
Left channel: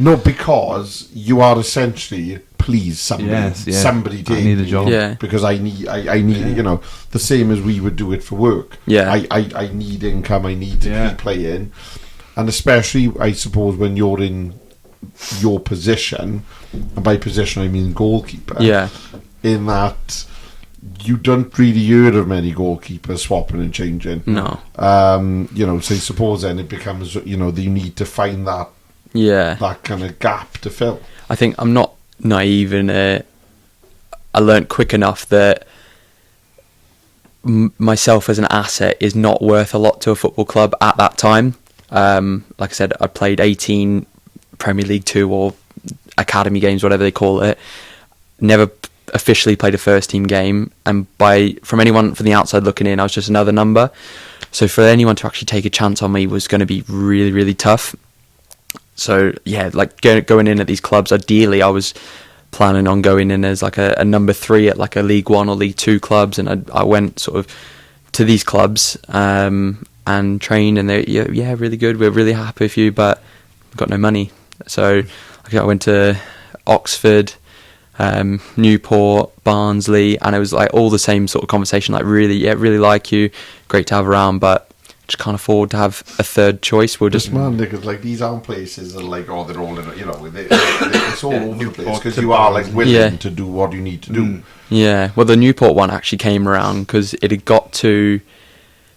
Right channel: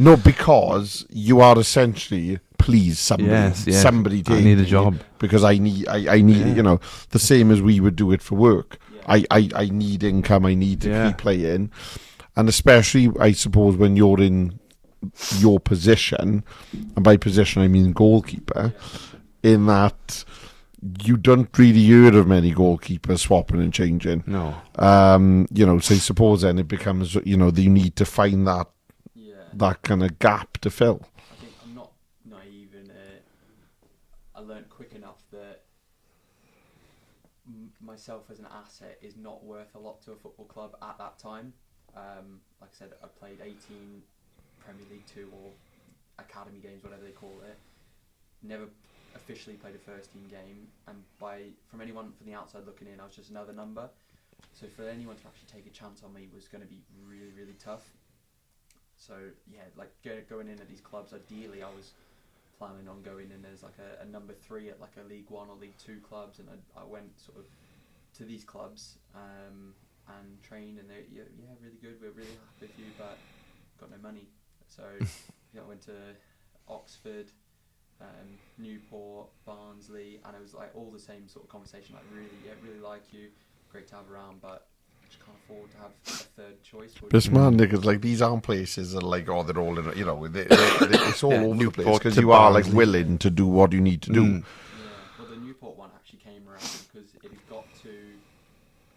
No, because you are essentially, please, somebody take I need a job. Yeah. because I need you know, the same as we would do it for work. Yeah. I need income. I need to keep playing, and especially I suppose when you're in your position, and by position I mean goalkeeper. Yeah. In that you don't really hear of many goalkeepers swapping and changing. No. You know, so I suppose then it becomes, you know, you need to find that kind of gap to fill. I think I'm not naive, and I learnt quick enough that myself as an asset is not worth a lot to a football club at that time. Like I said, I played 18 Premier League 2 or academy games, whatever they call it. Never officially played a first team game, and from anyone from the outside looking in, I was just another number. So for anyone to actually take a chance on me was going to be really, really tough. So yeah, like going in at these clubs, ideally I was planning on going in as like a number 3 at like a League 1 or League 2 clubs, and I went sort of to these clubs and trained, and they really good, we're really happy with you, but we've got no money. So I went to Oxford, Newport, Barnsley, and it was like all the same sort of conversation, like really like you, great to have around, but just can't afford to have a third choice. We'll just because like these aren't places that like, oh, they're all in, you know, it's all over the place, because you are like willing to do what you need to do. Yeah, well, the Newport one actually came around because it had got to,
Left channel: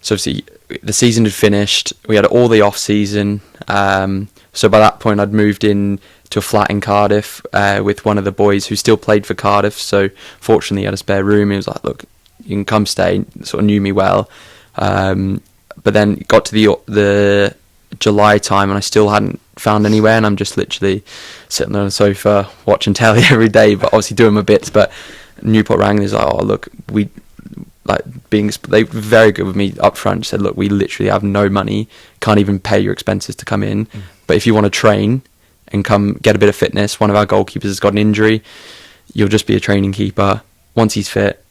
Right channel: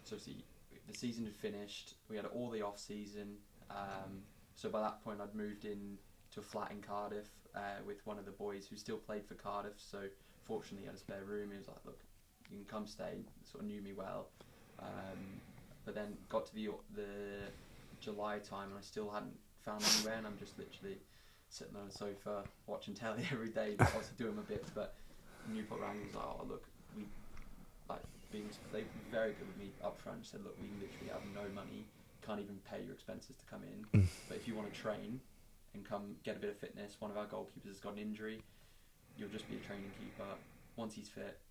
so obviously the season had finished, we had all the off season, so by that point I'd moved in to a flat in Cardiff with one of the boys who still played for Cardiff, so fortunately he had a spare room. He was like, look, you can come stay, sort of knew me well. But then it got to the July time and I still hadn't found anywhere, and I'm just literally sitting on the sofa watching telly every day, but obviously doing my bits. But Newport rang and he's like, oh look, they were very good with me up front, said, look, we literally have no money, can't even pay your expenses to come in, but if you want to train and come get a bit of fitness, one of our goalkeepers has got an injury, you'll just be a training keeper, once he's fit,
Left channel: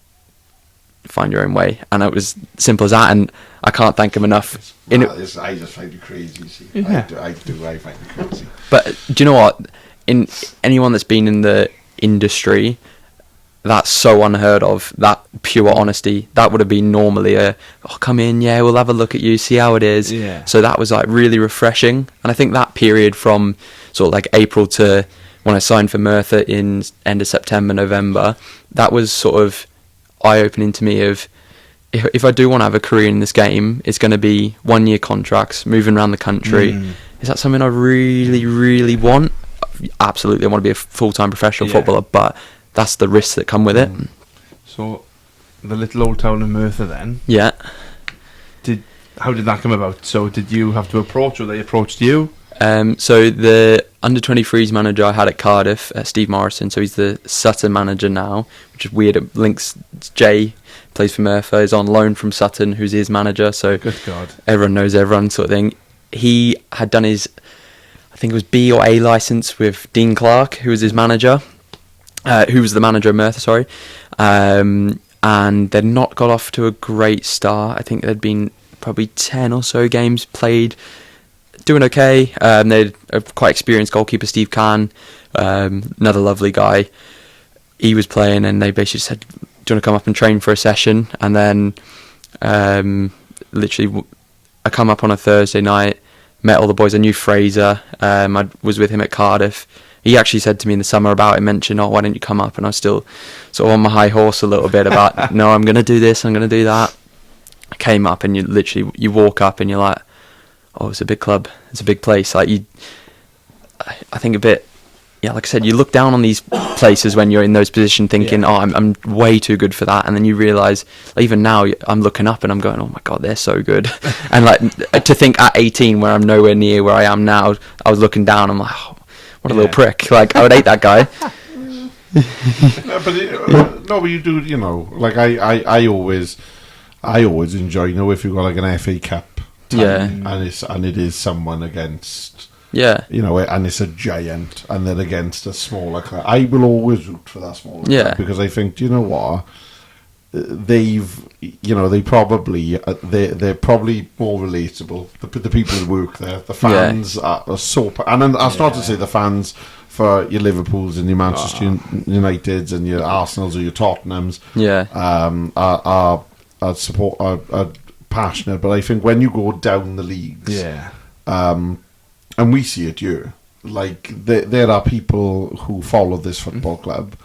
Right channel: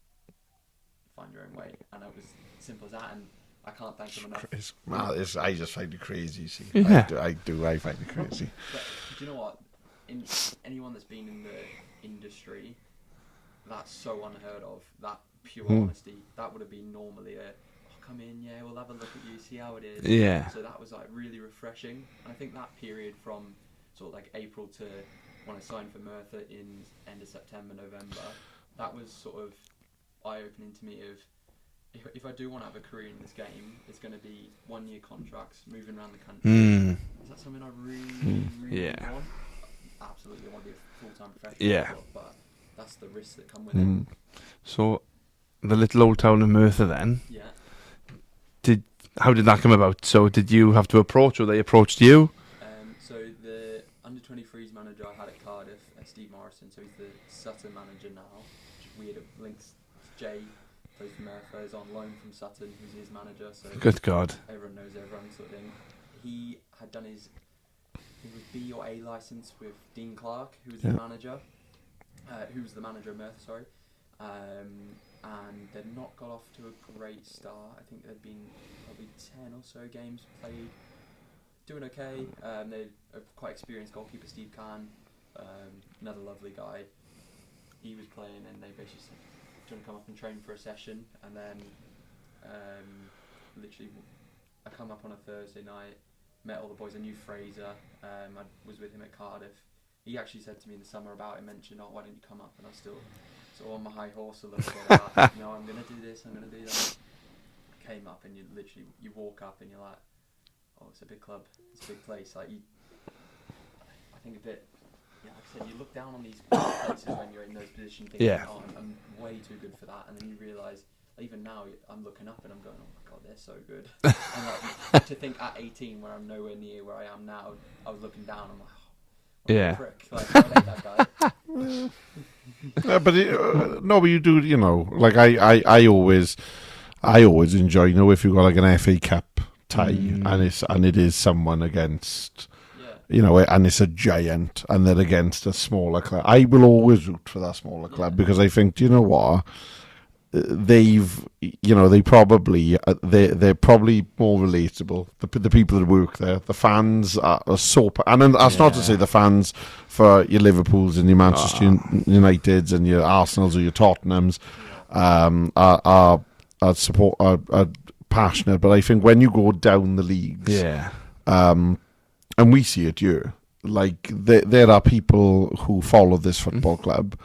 find your own way. And it was simple as that, and I can't thank him enough. I just find it crazy. See, I find it crazy. But do you know what? In anyone that's been in the industry, that's so unheard of. That pure honesty. That would have been normally come in, we'll have a look at you, see how it is. Yeah. So that was like really refreshing, and I think that period from sort of like April to when I signed for Merthyr in end of September, November, that was sort of eye-opening to me of, if I do want to have a career in this game, it's going to be 1-year contracts, moving around the country. Is that something I really, really want? Absolutely, I want to be a full-time professional footballer, but that's the risks that come with it. So, the little old town of Merthyr then? Yeah. How did that come about? So, did you have to approach, or they approached you? So the under-23s manager I had at Cardiff, Steve Morrison, so he's the Sutton manager now, which is weird. It links Jay, plays for Merthyr, is on loan from Sutton, who's his manager, so Good God. everyone knows everyone sort of thing. He had done his, I think it was B or A licence with Dean Clark, who was his manager, who was the manager of Merthyr, sorry. And they'd not got off to a great start. I think there'd been probably 10 or so games played, doing okay. They'd a quite experienced goalkeeper, Steve Kahn, another lovely guy. He was playing, and they basically said, "Do you want to come up and train for a session?" And then, literally, I come up on a Thursday night, met all the boys. I knew Fraser. I was with him at Cardiff. He actually said to me in the summer about it, mentioned, "Oh, why don't you come up?" And I was still sort of on my high horse a little bit about, "No, I'm going to do this, I'm going to do that." I came up, and you walk up and you're like, "Oh, it's a big club, it's a big place." Like I think a bit, yeah, like I said, you look down on these places when you're in those positions, thinking, "Oh, I'm way too good for that," and then you realise, even now, I'm looking up and I'm going, "Oh my God, they're so good." And like to think at 18, where I'm nowhere near where I am now, I was looking down, I'm like, "Oh, what a little prick!" Like I would hate that guy. But you do, like I always enjoy, if you've got like an FA Cup time, and it is someone against, and it's a giant, and they're against a smaller club. I will always root for that smaller club, because I think, do you know what? They're probably more relatable. The people that work there, the fans are so, and then that's not to say the fans for your Liverpools and your Manchester Uniteds and your Arsenals or your Tottenhams, are passionate. But I think when you go down the leagues, and we see it here, like there are people who follow this football club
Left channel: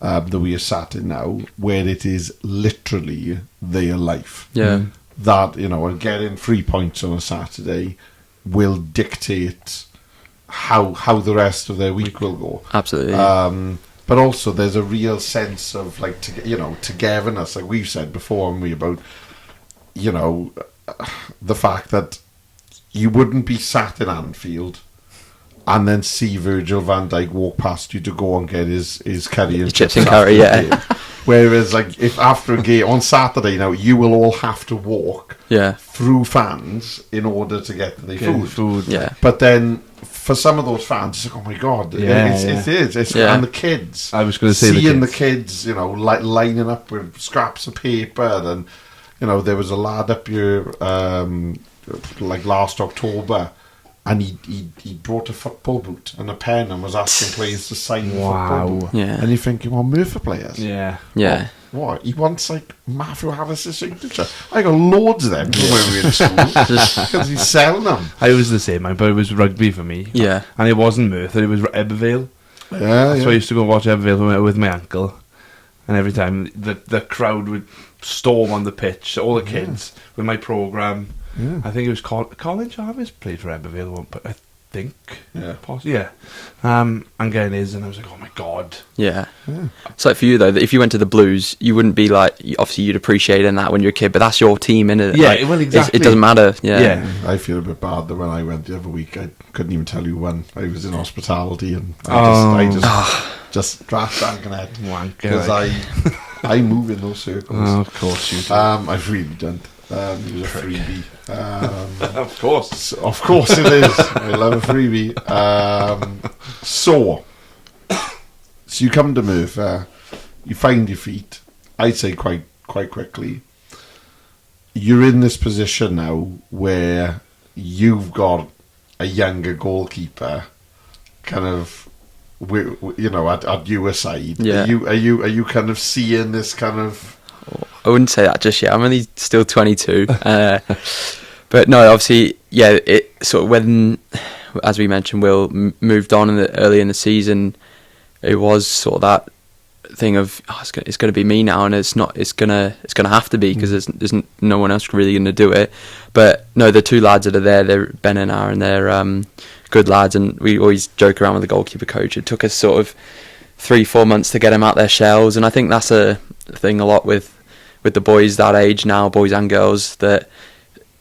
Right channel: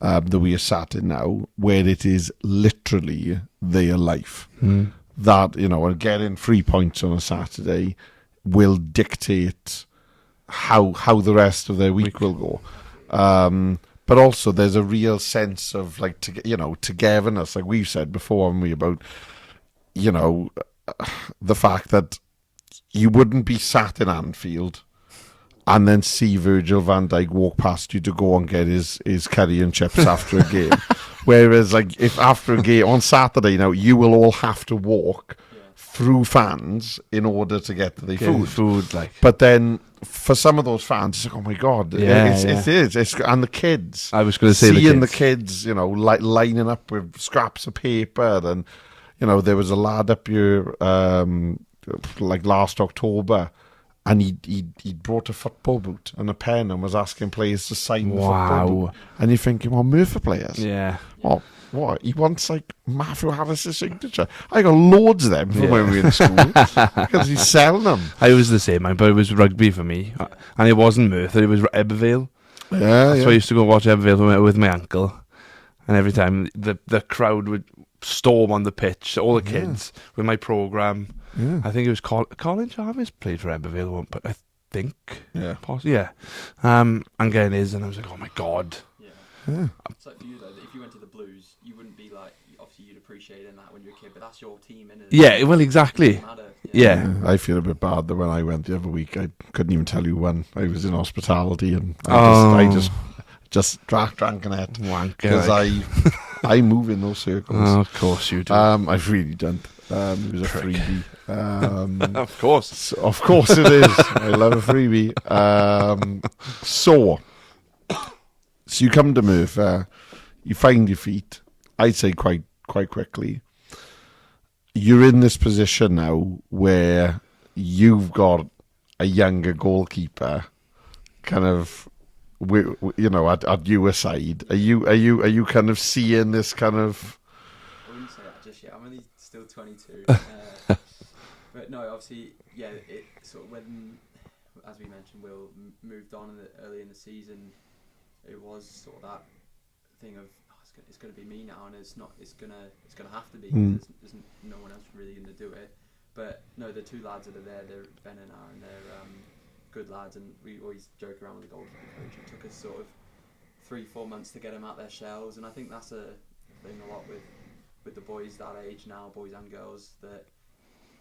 that we are sat in now, where it is literally their life. That, and getting 3 points on a Saturday will dictate how the rest of their week will go. Absolutely. But also there's a real sense of like togetherness, like we've said before, and about the fact that you wouldn't be sat in Anfield and then see Virgil van Dijk walk past you to go and get his curry and chips after the game. Whereas, like, if after a game on Saturday now, you will all have to walk through fans in order to get to the food. But then for some of those fans, it's like, oh my God, it is. And the kids. I was going to say seeing the kids, like lining up with scraps of paper, and there was a lad up here, like last October. And he brought a football boot and a pen and was asking players to sign the football boot. And you're thinking, well, Merthyr players. What? He wants like Matthew Harris's signature. I got loads of them when we were in school because he's selling them. I was the same, but it was rugby for me. And it wasn't Merthyr, it was Ebervale. So I used to go watch Ebervale with my uncle. And every time the crowd would storm on the pitch, all the kids with my programme. I think it was Colin Jarvis played for Ebervale one, but I think possibly, and getting his, and I was like, oh my God. It's like for you though, that if you went to the Blues, you wouldn't be like, obviously you'd appreciate in that when you're a kid, but that's your team, innit? Well, exactly. It doesn't matter. I feel a bit bad that when I went the other week, I couldn't even tell you when. I was in hospitality, and I just drank an head because I move in those circles. Oh, of course you do. I've really done. It was a freebie. Of course it is. I love a freebie. So you come to Merthyr, you find your feet. I'd say quite quickly. You're in this position now where you've got a younger goalkeeper, kind of, at your side. Are you kind of seeing this kind of? I wouldn't say that just yet. I'm only still 22. But no, obviously, it sort of when, as we mentioned, Will moved on early in the season, it was sort of that thing of, it's going to be me now, and it's not. It's gonna have to be, because there's no one else really going to do it. But no, the two lads that are there, they're Ben and Aaron. They're good lads, and we always joke around with the goalkeeper coach. It took us sort of 3-4 months to get them out their shells, and I think that's a thing a lot with the boys that age now, boys and girls, that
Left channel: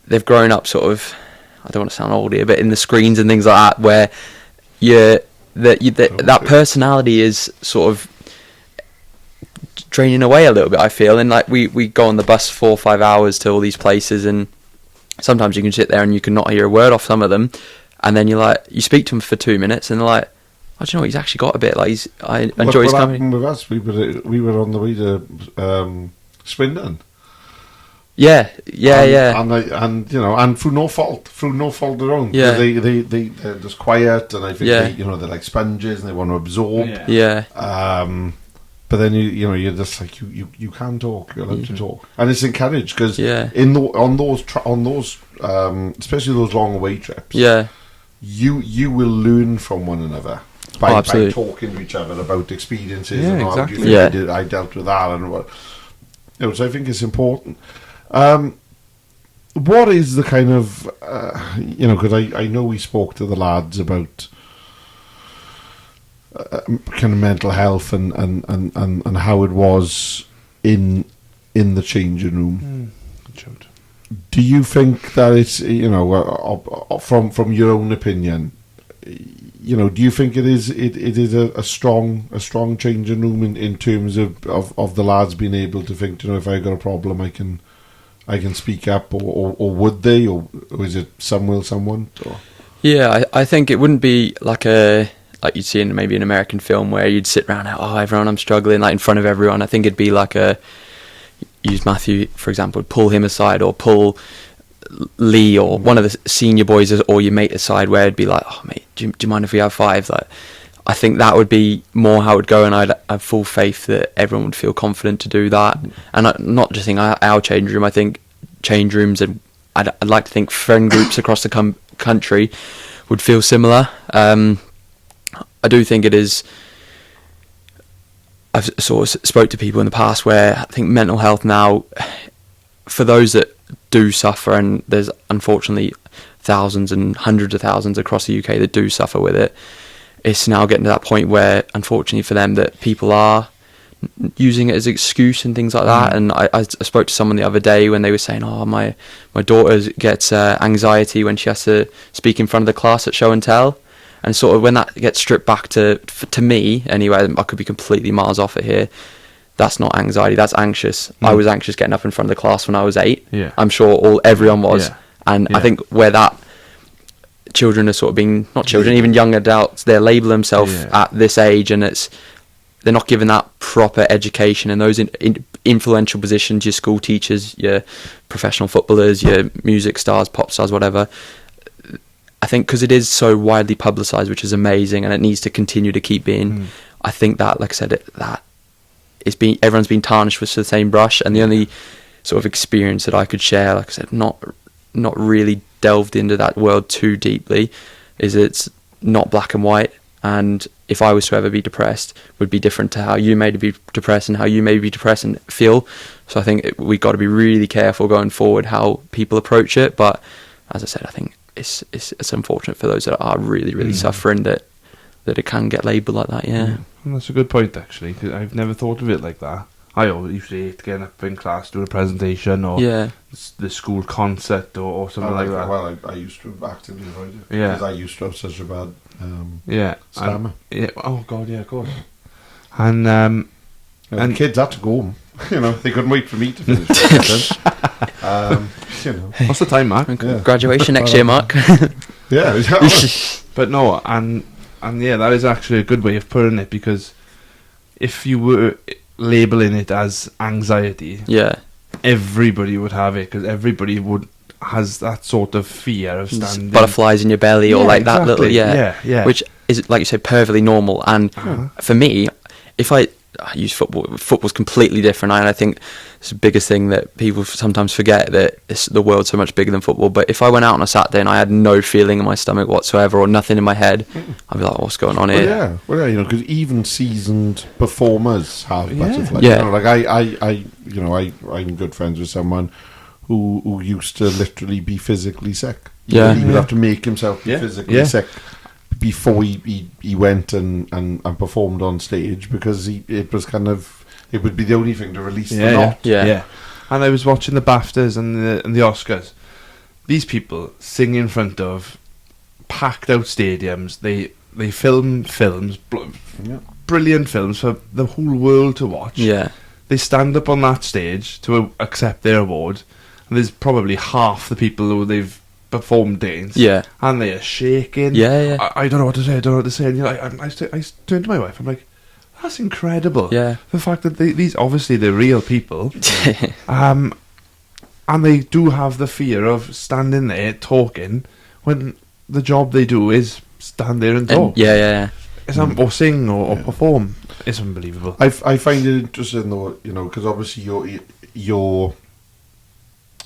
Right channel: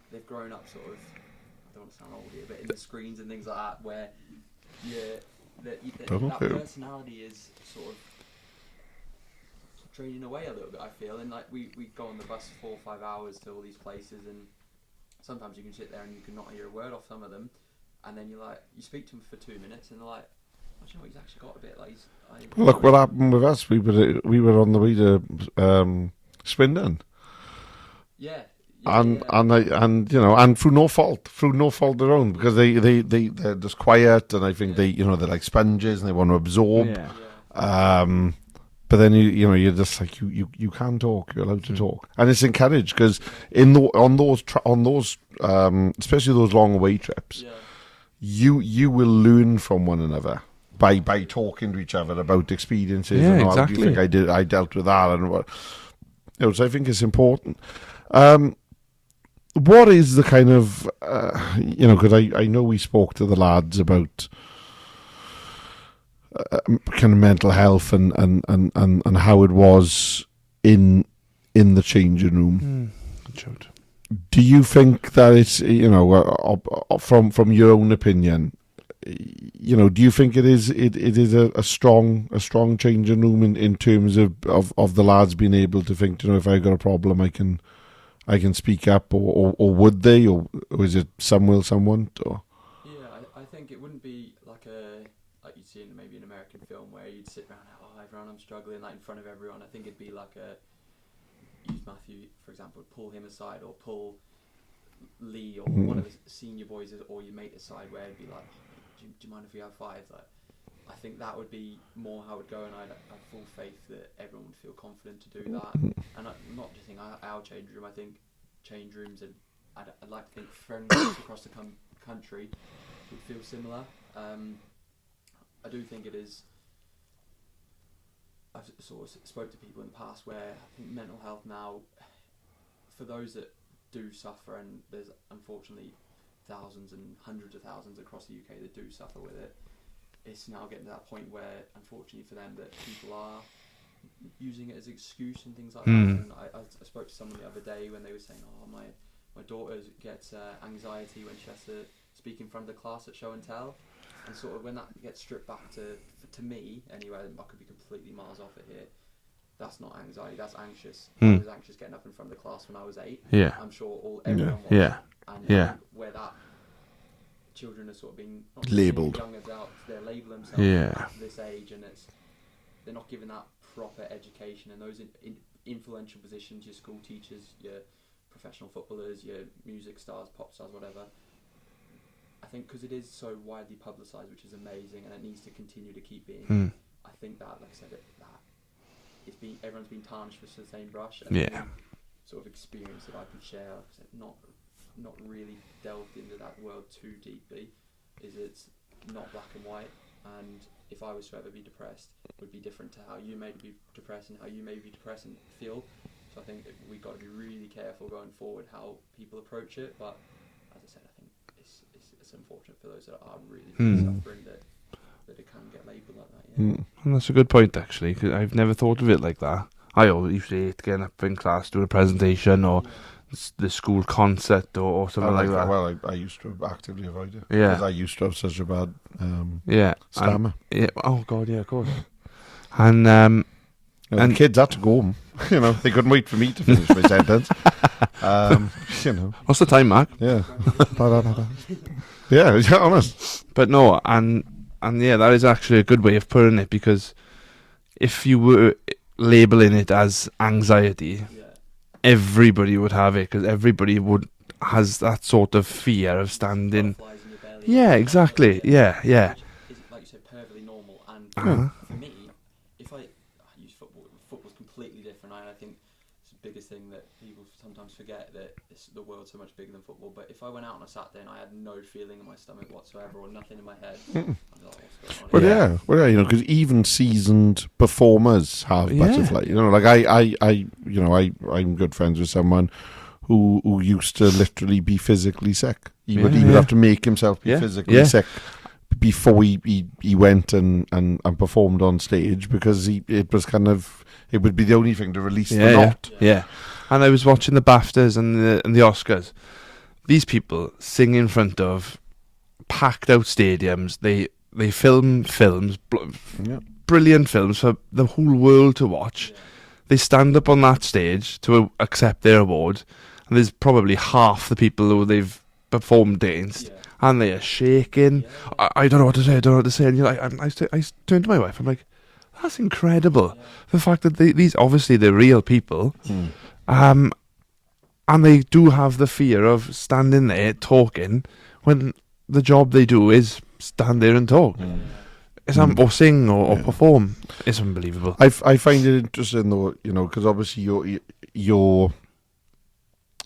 they've grown up sort of, I don't want to sound old here, but in the screens and things like that, where that personality is sort of draining away a little bit, I feel. And like we go on the bus 4 or 5 hours to all these places, and sometimes you can sit there and you can not hear a word off some of them, and then you speak to them for 2 minutes and they're like, I don't know, he's actually got a bit, like I enjoy his company. What happened with us? We were on the way to Swindon. Yeah. And through no fault of their own. Yeah. They're just quiet, and I think they're like sponges and they want to absorb. Yeah. But then you're just like you can talk. You're allowed to talk, and it's encouraged because on those especially those long away trips. Yeah. You will learn from one another by talking to each other about experiences. Yeah, and exactly. I dealt with that, and what. So I think it's important. What is the kind of because I know we spoke to the lads about kind of mental health and how it was in the changing room. Do you think that it's from your own opinion, do you think it is a strong changing room in terms of the lads being able to think, if I got a problem I can speak up, or would they, or is it some will, some won't? Or? Yeah, I think it wouldn't be like you'd see in maybe an American film where you'd sit around, everyone, I'm struggling, like in front of everyone. I think it'd be like use Matthew, for example, pull him aside, or pull Lee or one of the senior boys or your mate aside, where it'd be like, oh mate, do you mind if we have 5? Like, I think that would be more how it would go, and I'd have full faith that everyone would feel confident to do that. And not just think our change room, I think change rooms, and I'd like to think friend groups across the country would feel similar. I do think it is. I've sort of spoke to people in the past where I think mental health now, for those that do suffer, and there's unfortunately thousands and hundreds of thousands across the UK that do suffer with it, it's now getting to that point where, unfortunately for them, that people are using it as an excuse and things like that. And I spoke to someone the other day when they were saying, my daughter gets anxiety when she has to speak in front of the class at show and tell. And sort of when that gets stripped back to me, anyway, I could be completely miles off it here. That's not anxiety, that's anxious. I was anxious getting up in front of the class when I was 8. Yeah. I'm sure everyone was. Yeah. And I think where that children are sort of being, not children, even young adults, they label themselves at this age, and they're not given that proper education. And those influential positions, your school teachers, your professional footballers, your music stars, pop stars, whatever, I think because it is so widely publicised, which is amazing, and it needs to continue to keep being. I think that, like I said, everyone's been tarnished with the same brush, and the only sort of experience that I could share, like I said, not really delved into that world too deeply, is it's not black and white. And if I was to ever be depressed, it would be different to how you may be depressed and how you may be depressed and feel. So I think we've got to be really careful going forward how people approach it. But as I said, I think it's unfortunate for those that are really, really suffering that it can get labelled like that, And that's a good point, actually, because I've never thought of it like that. I always used to hate getting up in class, doing a presentation, or the school concert, or something like that. Well, I used to actively avoid it, because I used to have such a bad stammer. Oh, God, yeah, of course. And and kids had to go home. They couldn't wait for me to finish the sentence. What's the time, Mark? Graduation next year, Mark. But no, and that is actually a good way of putting it, because if you were labelling it as anxiety, everybody would have it, because everybody has that sort of fear of standing, butterflies in your belly, or like exactly. that little which is, like you said, perfectly normal. And for me, if I use football's completely different, and I think it's the biggest thing that people sometimes forget, that the world's so much bigger than football. But if I went out on a Saturday and I had no feeling in my stomach whatsoever, or nothing in my head, I'd be like, what's going on here? Because even seasoned performers have butterflies. I'm good friends with someone who used to literally be physically sick. He would have to make himself be physically sick before he went and performed on stage, because it would be the only thing to release the knot. And I was watching the BAFTAs and the Oscars, these people sing in front of packed out stadiums. They film films, brilliant films for the whole world to watch. Yeah. They stand up on that stage to accept their award, and there's probably half the people who they've performed against. Yeah. And they are shaking. Yeah. I don't know what to say. And you're like, I turn to my wife. I'm like, that's incredible. Yeah. The fact that these obviously they're real people. And they do have the fear of standing there talking when the job they do is stand there and talk. Yeah. Or sing or perform. It's unbelievable. I find it interesting though, because obviously you're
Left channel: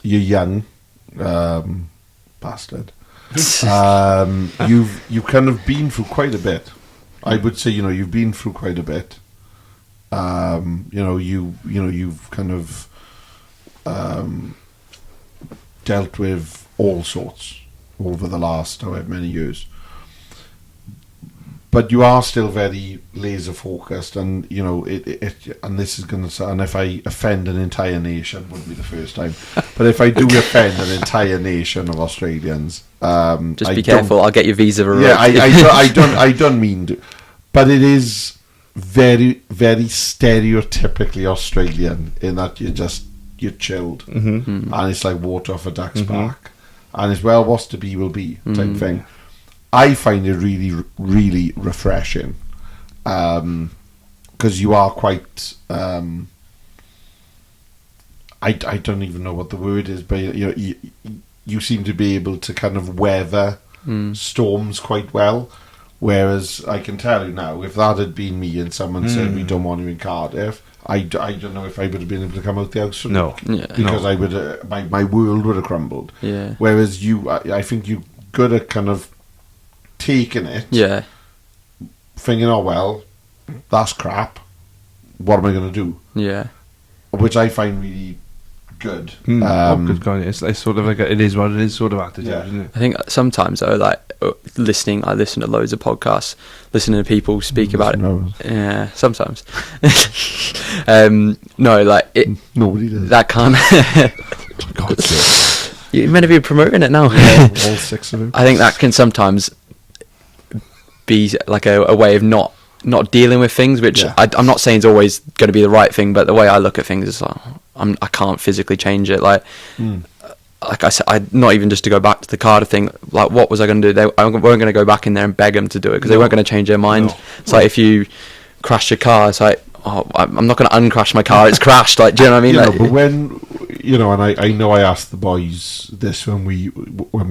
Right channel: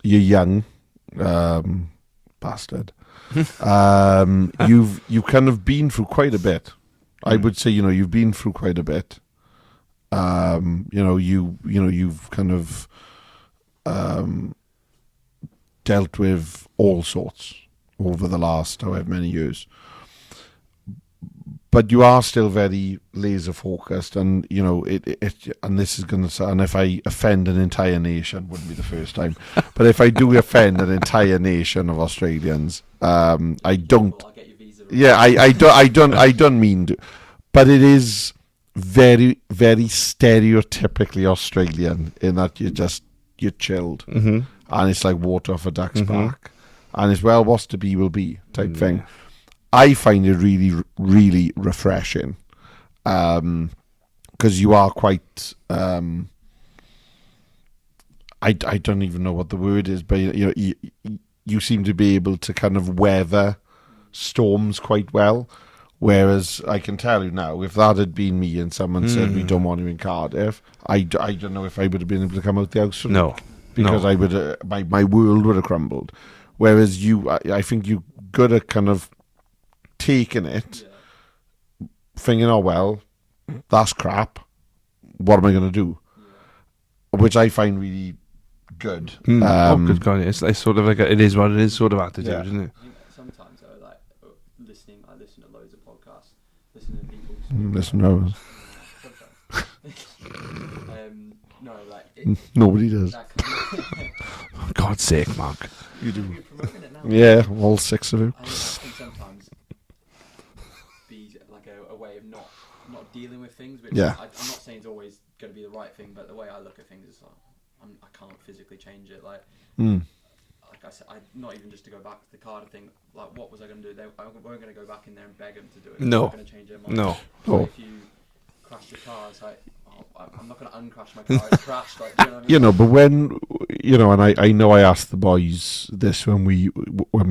young, bastard. You've kind of been through quite a bit. I would say you've been through quite a bit. You've kind of dealt with all sorts over the last however many years. But you are still very laser focused, and and this is going to sound. And if I offend an entire nation, wouldn't be the first time. But if I do offend an entire nation of Australians, just be careful. I'll get your visa revoked. Yeah, I don't mean to, but it is very, very stereotypically Australian in that you're chilled, and it's like water off a duck's back, and it's what's to be will be type thing. I find it really, really refreshing, because you are quite. I don't even know what the word is, but you seem to be able to kind of weather storms quite well. Whereas I can tell you now, if that had been me and someone said we don't want you in Cardiff, I don't know if I would have been able to come out the house. Because I would my world would have crumbled. Yeah. Whereas you, I think you good at kind of taking it, thinking, oh well, that's crap. What am I going to do? Yeah. Which I find really good. Good God, it's sort of like it is what it is sort of attitude, isn't it? I think sometimes though, like I listen to loads of podcasts, listening to people speak about it. Yeah, sometimes. No, like nobody does. That kind of For God's sake. You're meant to be promoting it now. Yeah, all six of them. I think that can sometimes be like a way of not dealing with things, which I'm not saying is always going to be the right thing, but the way I look at things is like, I can't physically change it. Like I said, not even just to go back to the Cardiff thing. Like, what was I going to do? I weren't going to go back in there and beg them to do it because they weren't going to change their mind. No. It's like if you crash your car, it's like, oh, I'm not going to uncrash my car. It's crashed. Like, do you know what I mean? But when and I know I asked the boys this when we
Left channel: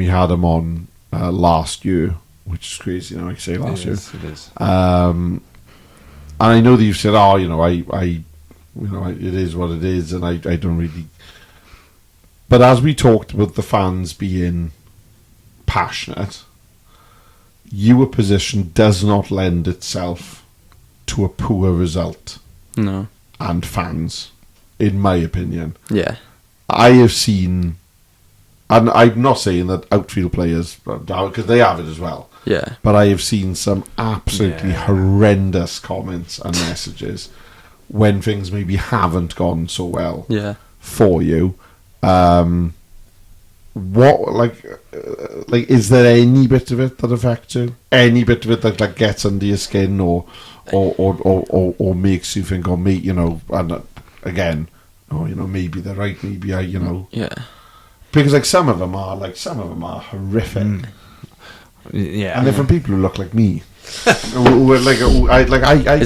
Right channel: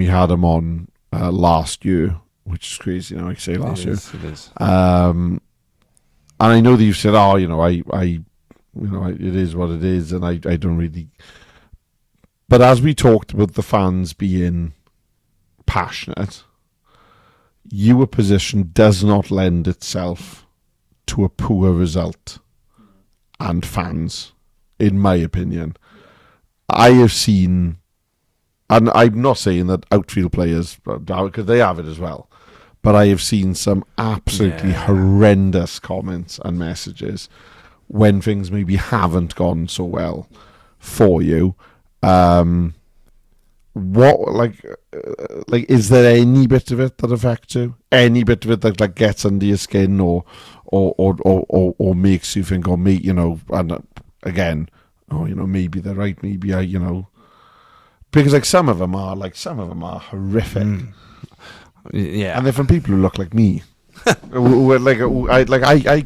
had them on last year, which is crazy. I say last year. It is. And I know that you said, it is what it is, and I don't really. But as we talked about the fans being passionate, your position does not lend itself to a poor result. No. And fans, in my opinion. Yeah. I have seen, and I'm not saying that outfield players, because they have it as well. Yeah. But I have seen some absolutely horrendous comments and messages when things maybe haven't gone so well for you. Is there any bit of it that affects you? Any bit of it that like gets under your skin or makes you think, and again, maybe they're right, maybe Yeah. Because some of them are horrific. Yeah. And they're from people who look like me. Is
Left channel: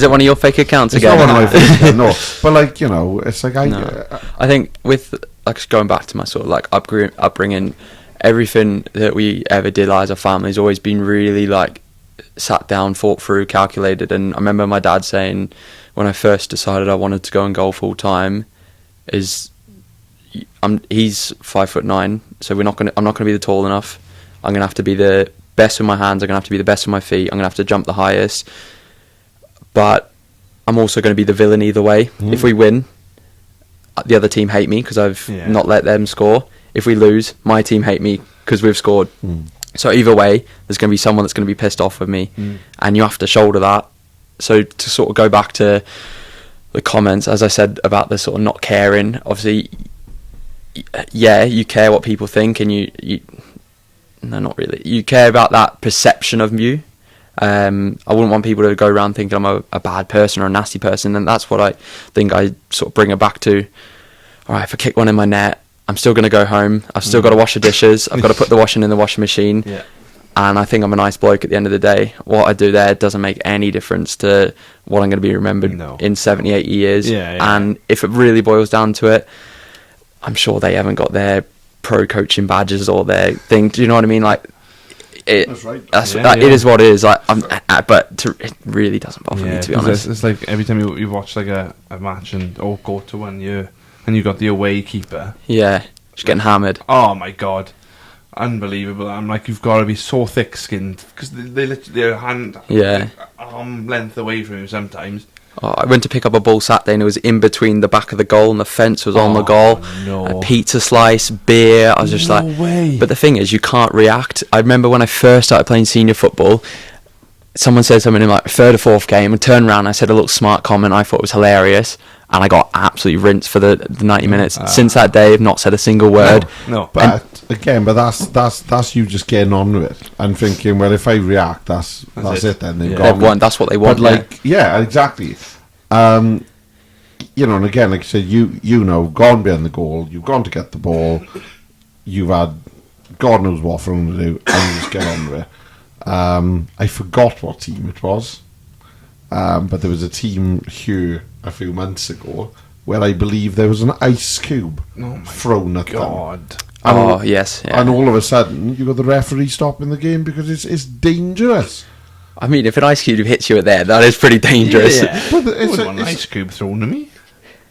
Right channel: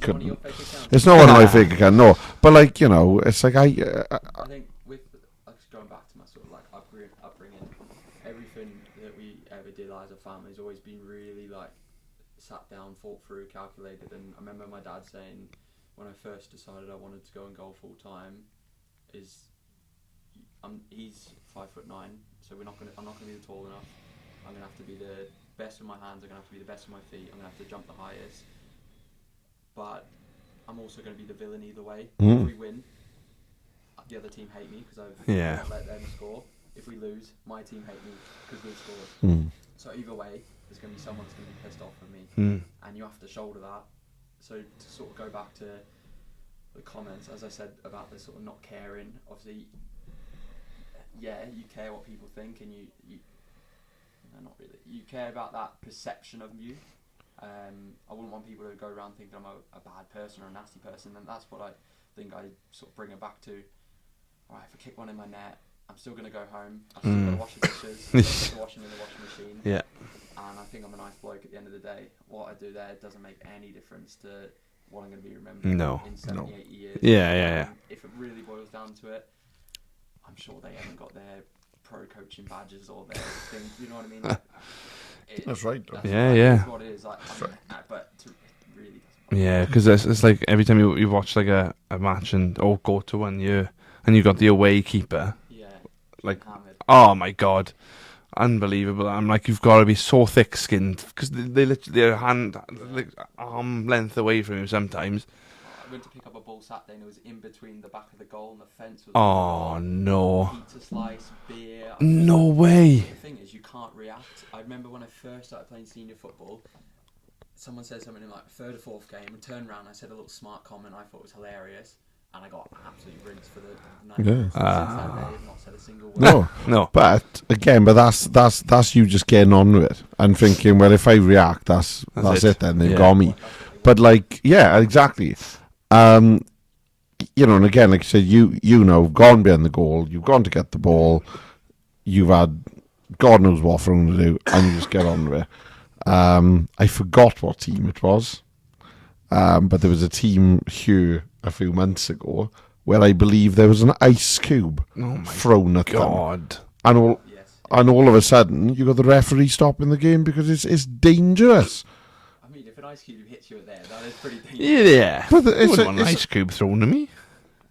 it one of your fake accounts? It's again? not one of my fake accounts, no. But it's like I think with like going back to my sort of like upbringing, everything that we ever did as a family has always been really like sat down, thought through, calculated. And I remember my dad saying when I first decided I wanted to go and golf full time, he's 5'9", so I'm not gonna be the tall enough. I'm gonna have to be the best with my hands. I'm gonna have to be the best with my feet. I'm gonna have to jump the highest. But I'm also gonna be the villain either way. If we win, the other team hate me because I've not let them score. If we lose, my team hate me because we've scored. So either way, there's going to be someone that's going to be pissed off with me, and you have to shoulder that. So to sort of go back to the comments, as I said about the sort of not caring, obviously yeah, you care what people think, and you no, not really. You care about that perception of you. I wouldn't want people to go around thinking I'm a bad person or a nasty person, and that's what I think I sort of bring it back to. All right, if I kick one in my net, I'm still going to go home. I've still got to wash the dishes. I've got to put the washing in the washing machine. Yeah. And I think I'm a nice bloke at the end of the day. What I do there doesn't make any difference to what I'm going to be remembered in 70, 80 years. And if it really boils down to it, I'm sure they haven't got their pro coaching badges or their thing. Do you know what I mean? Like, that's right. It is what it is. Like, it really doesn't bother me, to be honest. It's like every time you watch like a match or go to one year and you got the away keeper. Yeah, just getting hammered. Oh my God. Unbelievable. I'm like, you've got to be so thick-skinned because they literally their hand, arm length away from you sometimes. Oh, I went to pick up a ball Saturday and it was in between the back of the goal and the fence was on the goal. No. A pizza slice, beer. I was just no way. But the thing is, you can't react. I remember when I first started playing senior football, someone said something in like third or fourth game and turned around and I said a little smart comment I thought was hilarious. And I got absolutely rinsed for the 90 minutes. Since that day, I've not said a single word. No. But again, that's you just getting on with it and thinking, well, if I react, that's it. Then they've got me. That's what they want. But like, yeah, exactly. And again, like you said, you know, gone behind the goal, you've gone to get the ball, you've had God knows what for them to do, and you just get on with it. I forgot what team it was, but there was a team here a few months ago where I believe there was an ice cube thrown at them. And yes. And all of a sudden, you got the referee stopping the game because it's dangerous. I mean, if an ice cube hits you there, that is pretty dangerous. Yeah. But it's an ice cube thrown at me.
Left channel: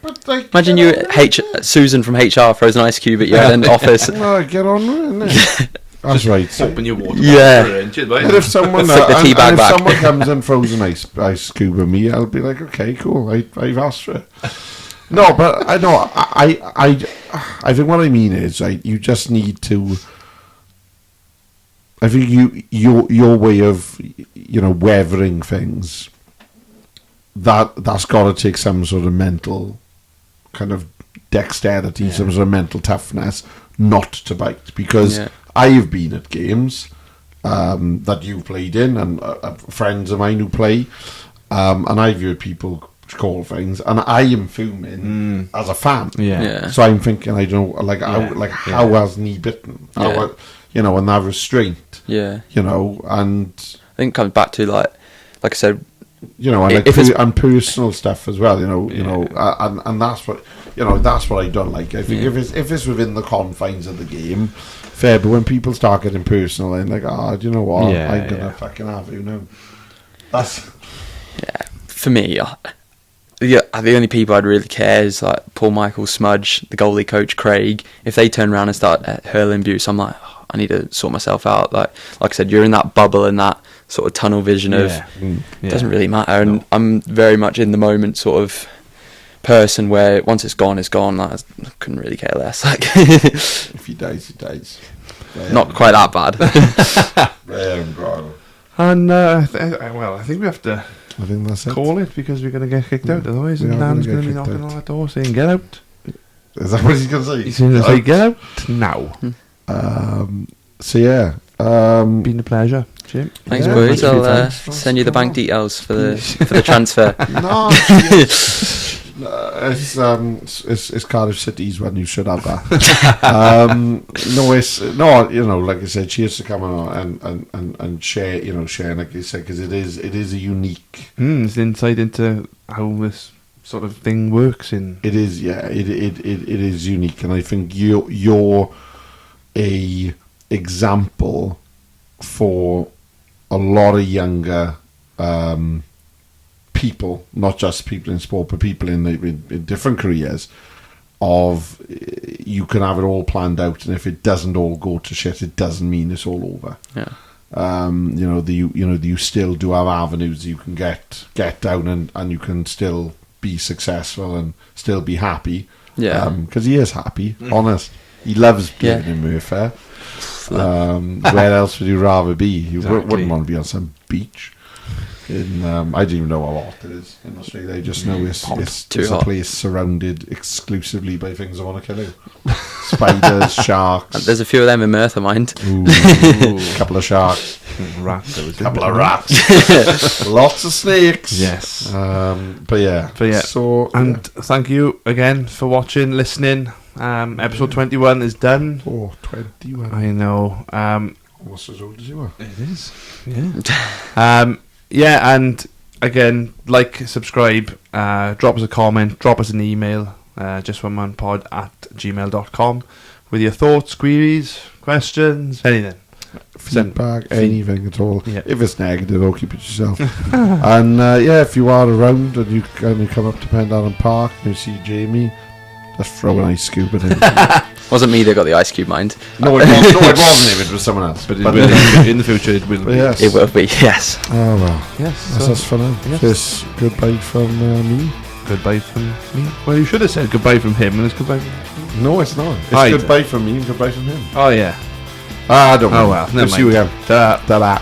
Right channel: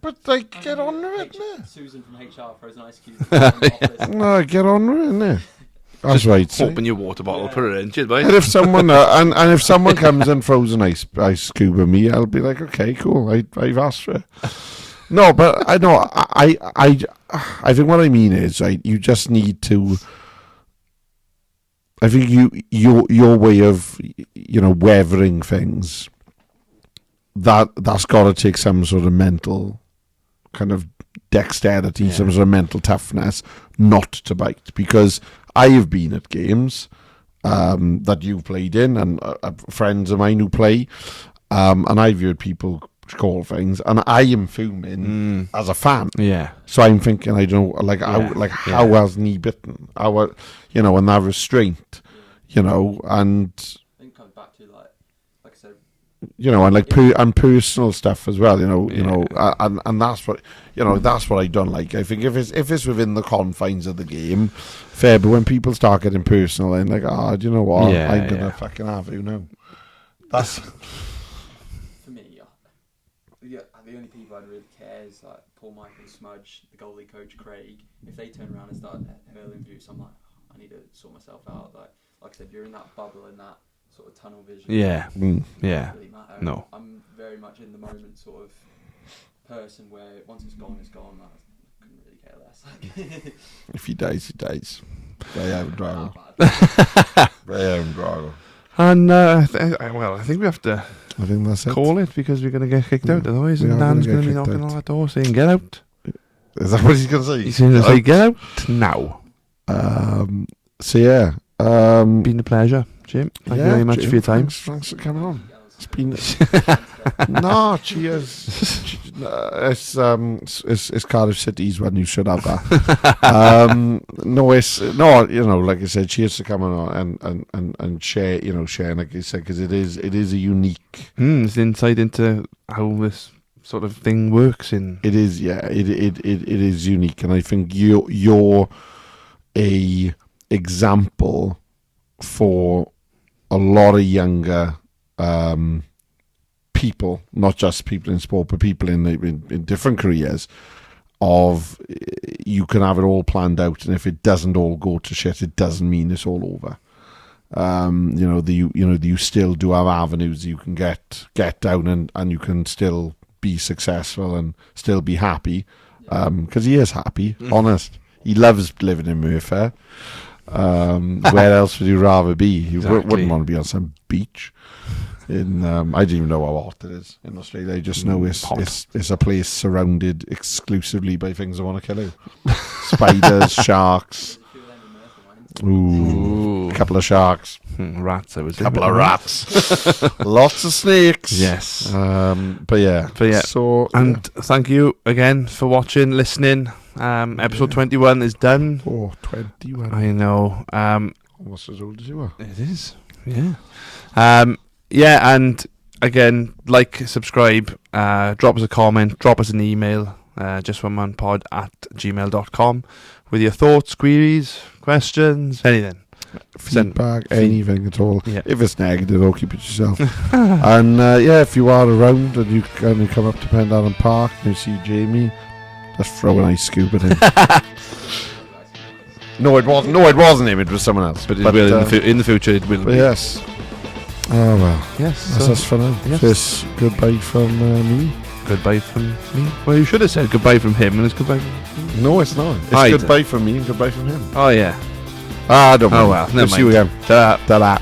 But like, imagine Susan from HR throws an ice cube at you in the office. Well, get on with it, innit? That's right. Open your water bottle for an inch, right? And if someone if someone comes and throws an ice cube at me, I'll be like, okay, cool. I've asked for it. No, but I know. I think what I mean is, right, you just need to. I think your way of weathering things. That's got to take some sort of mental kind of dexterity, some sort of mental toughness, not to bite, because. Yeah. I have been at games that you've played in, and friends of mine who play, and I've heard people call things, and I am fuming as a fan. Yeah. So I'm thinking, I don't know, how hasn't he bitten? How, and that restraint. Yeah. And I think it comes back to like I said. And personal stuff as well, and that's what that's what I don't like. I think if it's within the confines of the game, fair. But when people start getting personal, and like, do you know what? I'm gonna fucking have you now. That's for me. The only people I'd really care is like Paul Michael Smudge, the goalie coach Craig. If they turn around and start hurling abuse, I'm like, I need to sort myself out. Like I said, you're in that bubble and that sort of tunnel vision of it doesn't really matter. And I'm very much in the moment sort of person where once it's gone, it's gone. Like, I couldn't really care less. Like if he dies, he dies. Not quite that bad. And I think we have to. I think that's call it because we're going to get kicked out. Otherwise, and Dan's going to be knocking on that door saying, "Get out." Is that what he's going to say? He's going to say, "Get out now." So yeah, been a pleasure, Jim. Thanks very much for your time. Send you the bank details for the transfer. No, it's Cardiff City's one. You should have that. Like I said, cheers to coming on and share, sharing, like you said, because it is a unique. It's insight into how this sort of thing works. It is, it is unique, and I think you're a example for a lot of younger people, not just people in sport, but people in different careers. Of you can have it all planned out, and if it doesn't all go to shit, it doesn't mean it's all over. Yeah. You still do have avenues you can get down, and you can still be successful and still be happy. Yeah. Because he is happy, honest. He loves living in Merthyr. Where else would you rather be? You wouldn't want to be on some beach. I didn't even know how hot it is in Australia. I just know it's a place surrounded exclusively by things that want to kill you. Spiders, sharks. There's a few of them in Merthyr, mind. Ooh, couple of sharks. Rats. Couple of rats. Lots of snakes. Yes. But yeah. So, and thank you again for watching, listening. Episode 21 is done. Oh, 21. I know. What's as old as you are? It is. Yeah. Yeah, and again, like, subscribe, drop us a comment, drop us an email, justonemanpod@gmail.com with your thoughts, queries, questions, anything. Feedback, anything at all. Yeah. If it's negative, don't keep it yourself. And if you are around and you come up to Pendarren Park and you see Jaimie, just throw an ice cube at him. Wasn't me that got the ice cube, mind. No, it wasn't. No, it wasn't him. It was someone else. But in the future, it will be. Yes. It will be, yes. Oh well. Yes. That's us for now. Yes. This goodbye from me. Goodbye from me. Well, you should have said goodbye from him, and it's goodbye from me. No, it's not. It's Right. goodbye from me and goodbye from him. Oh, yeah. Don't Oh, mind. well. Never See you mind. again. Ta-da. Ta-da.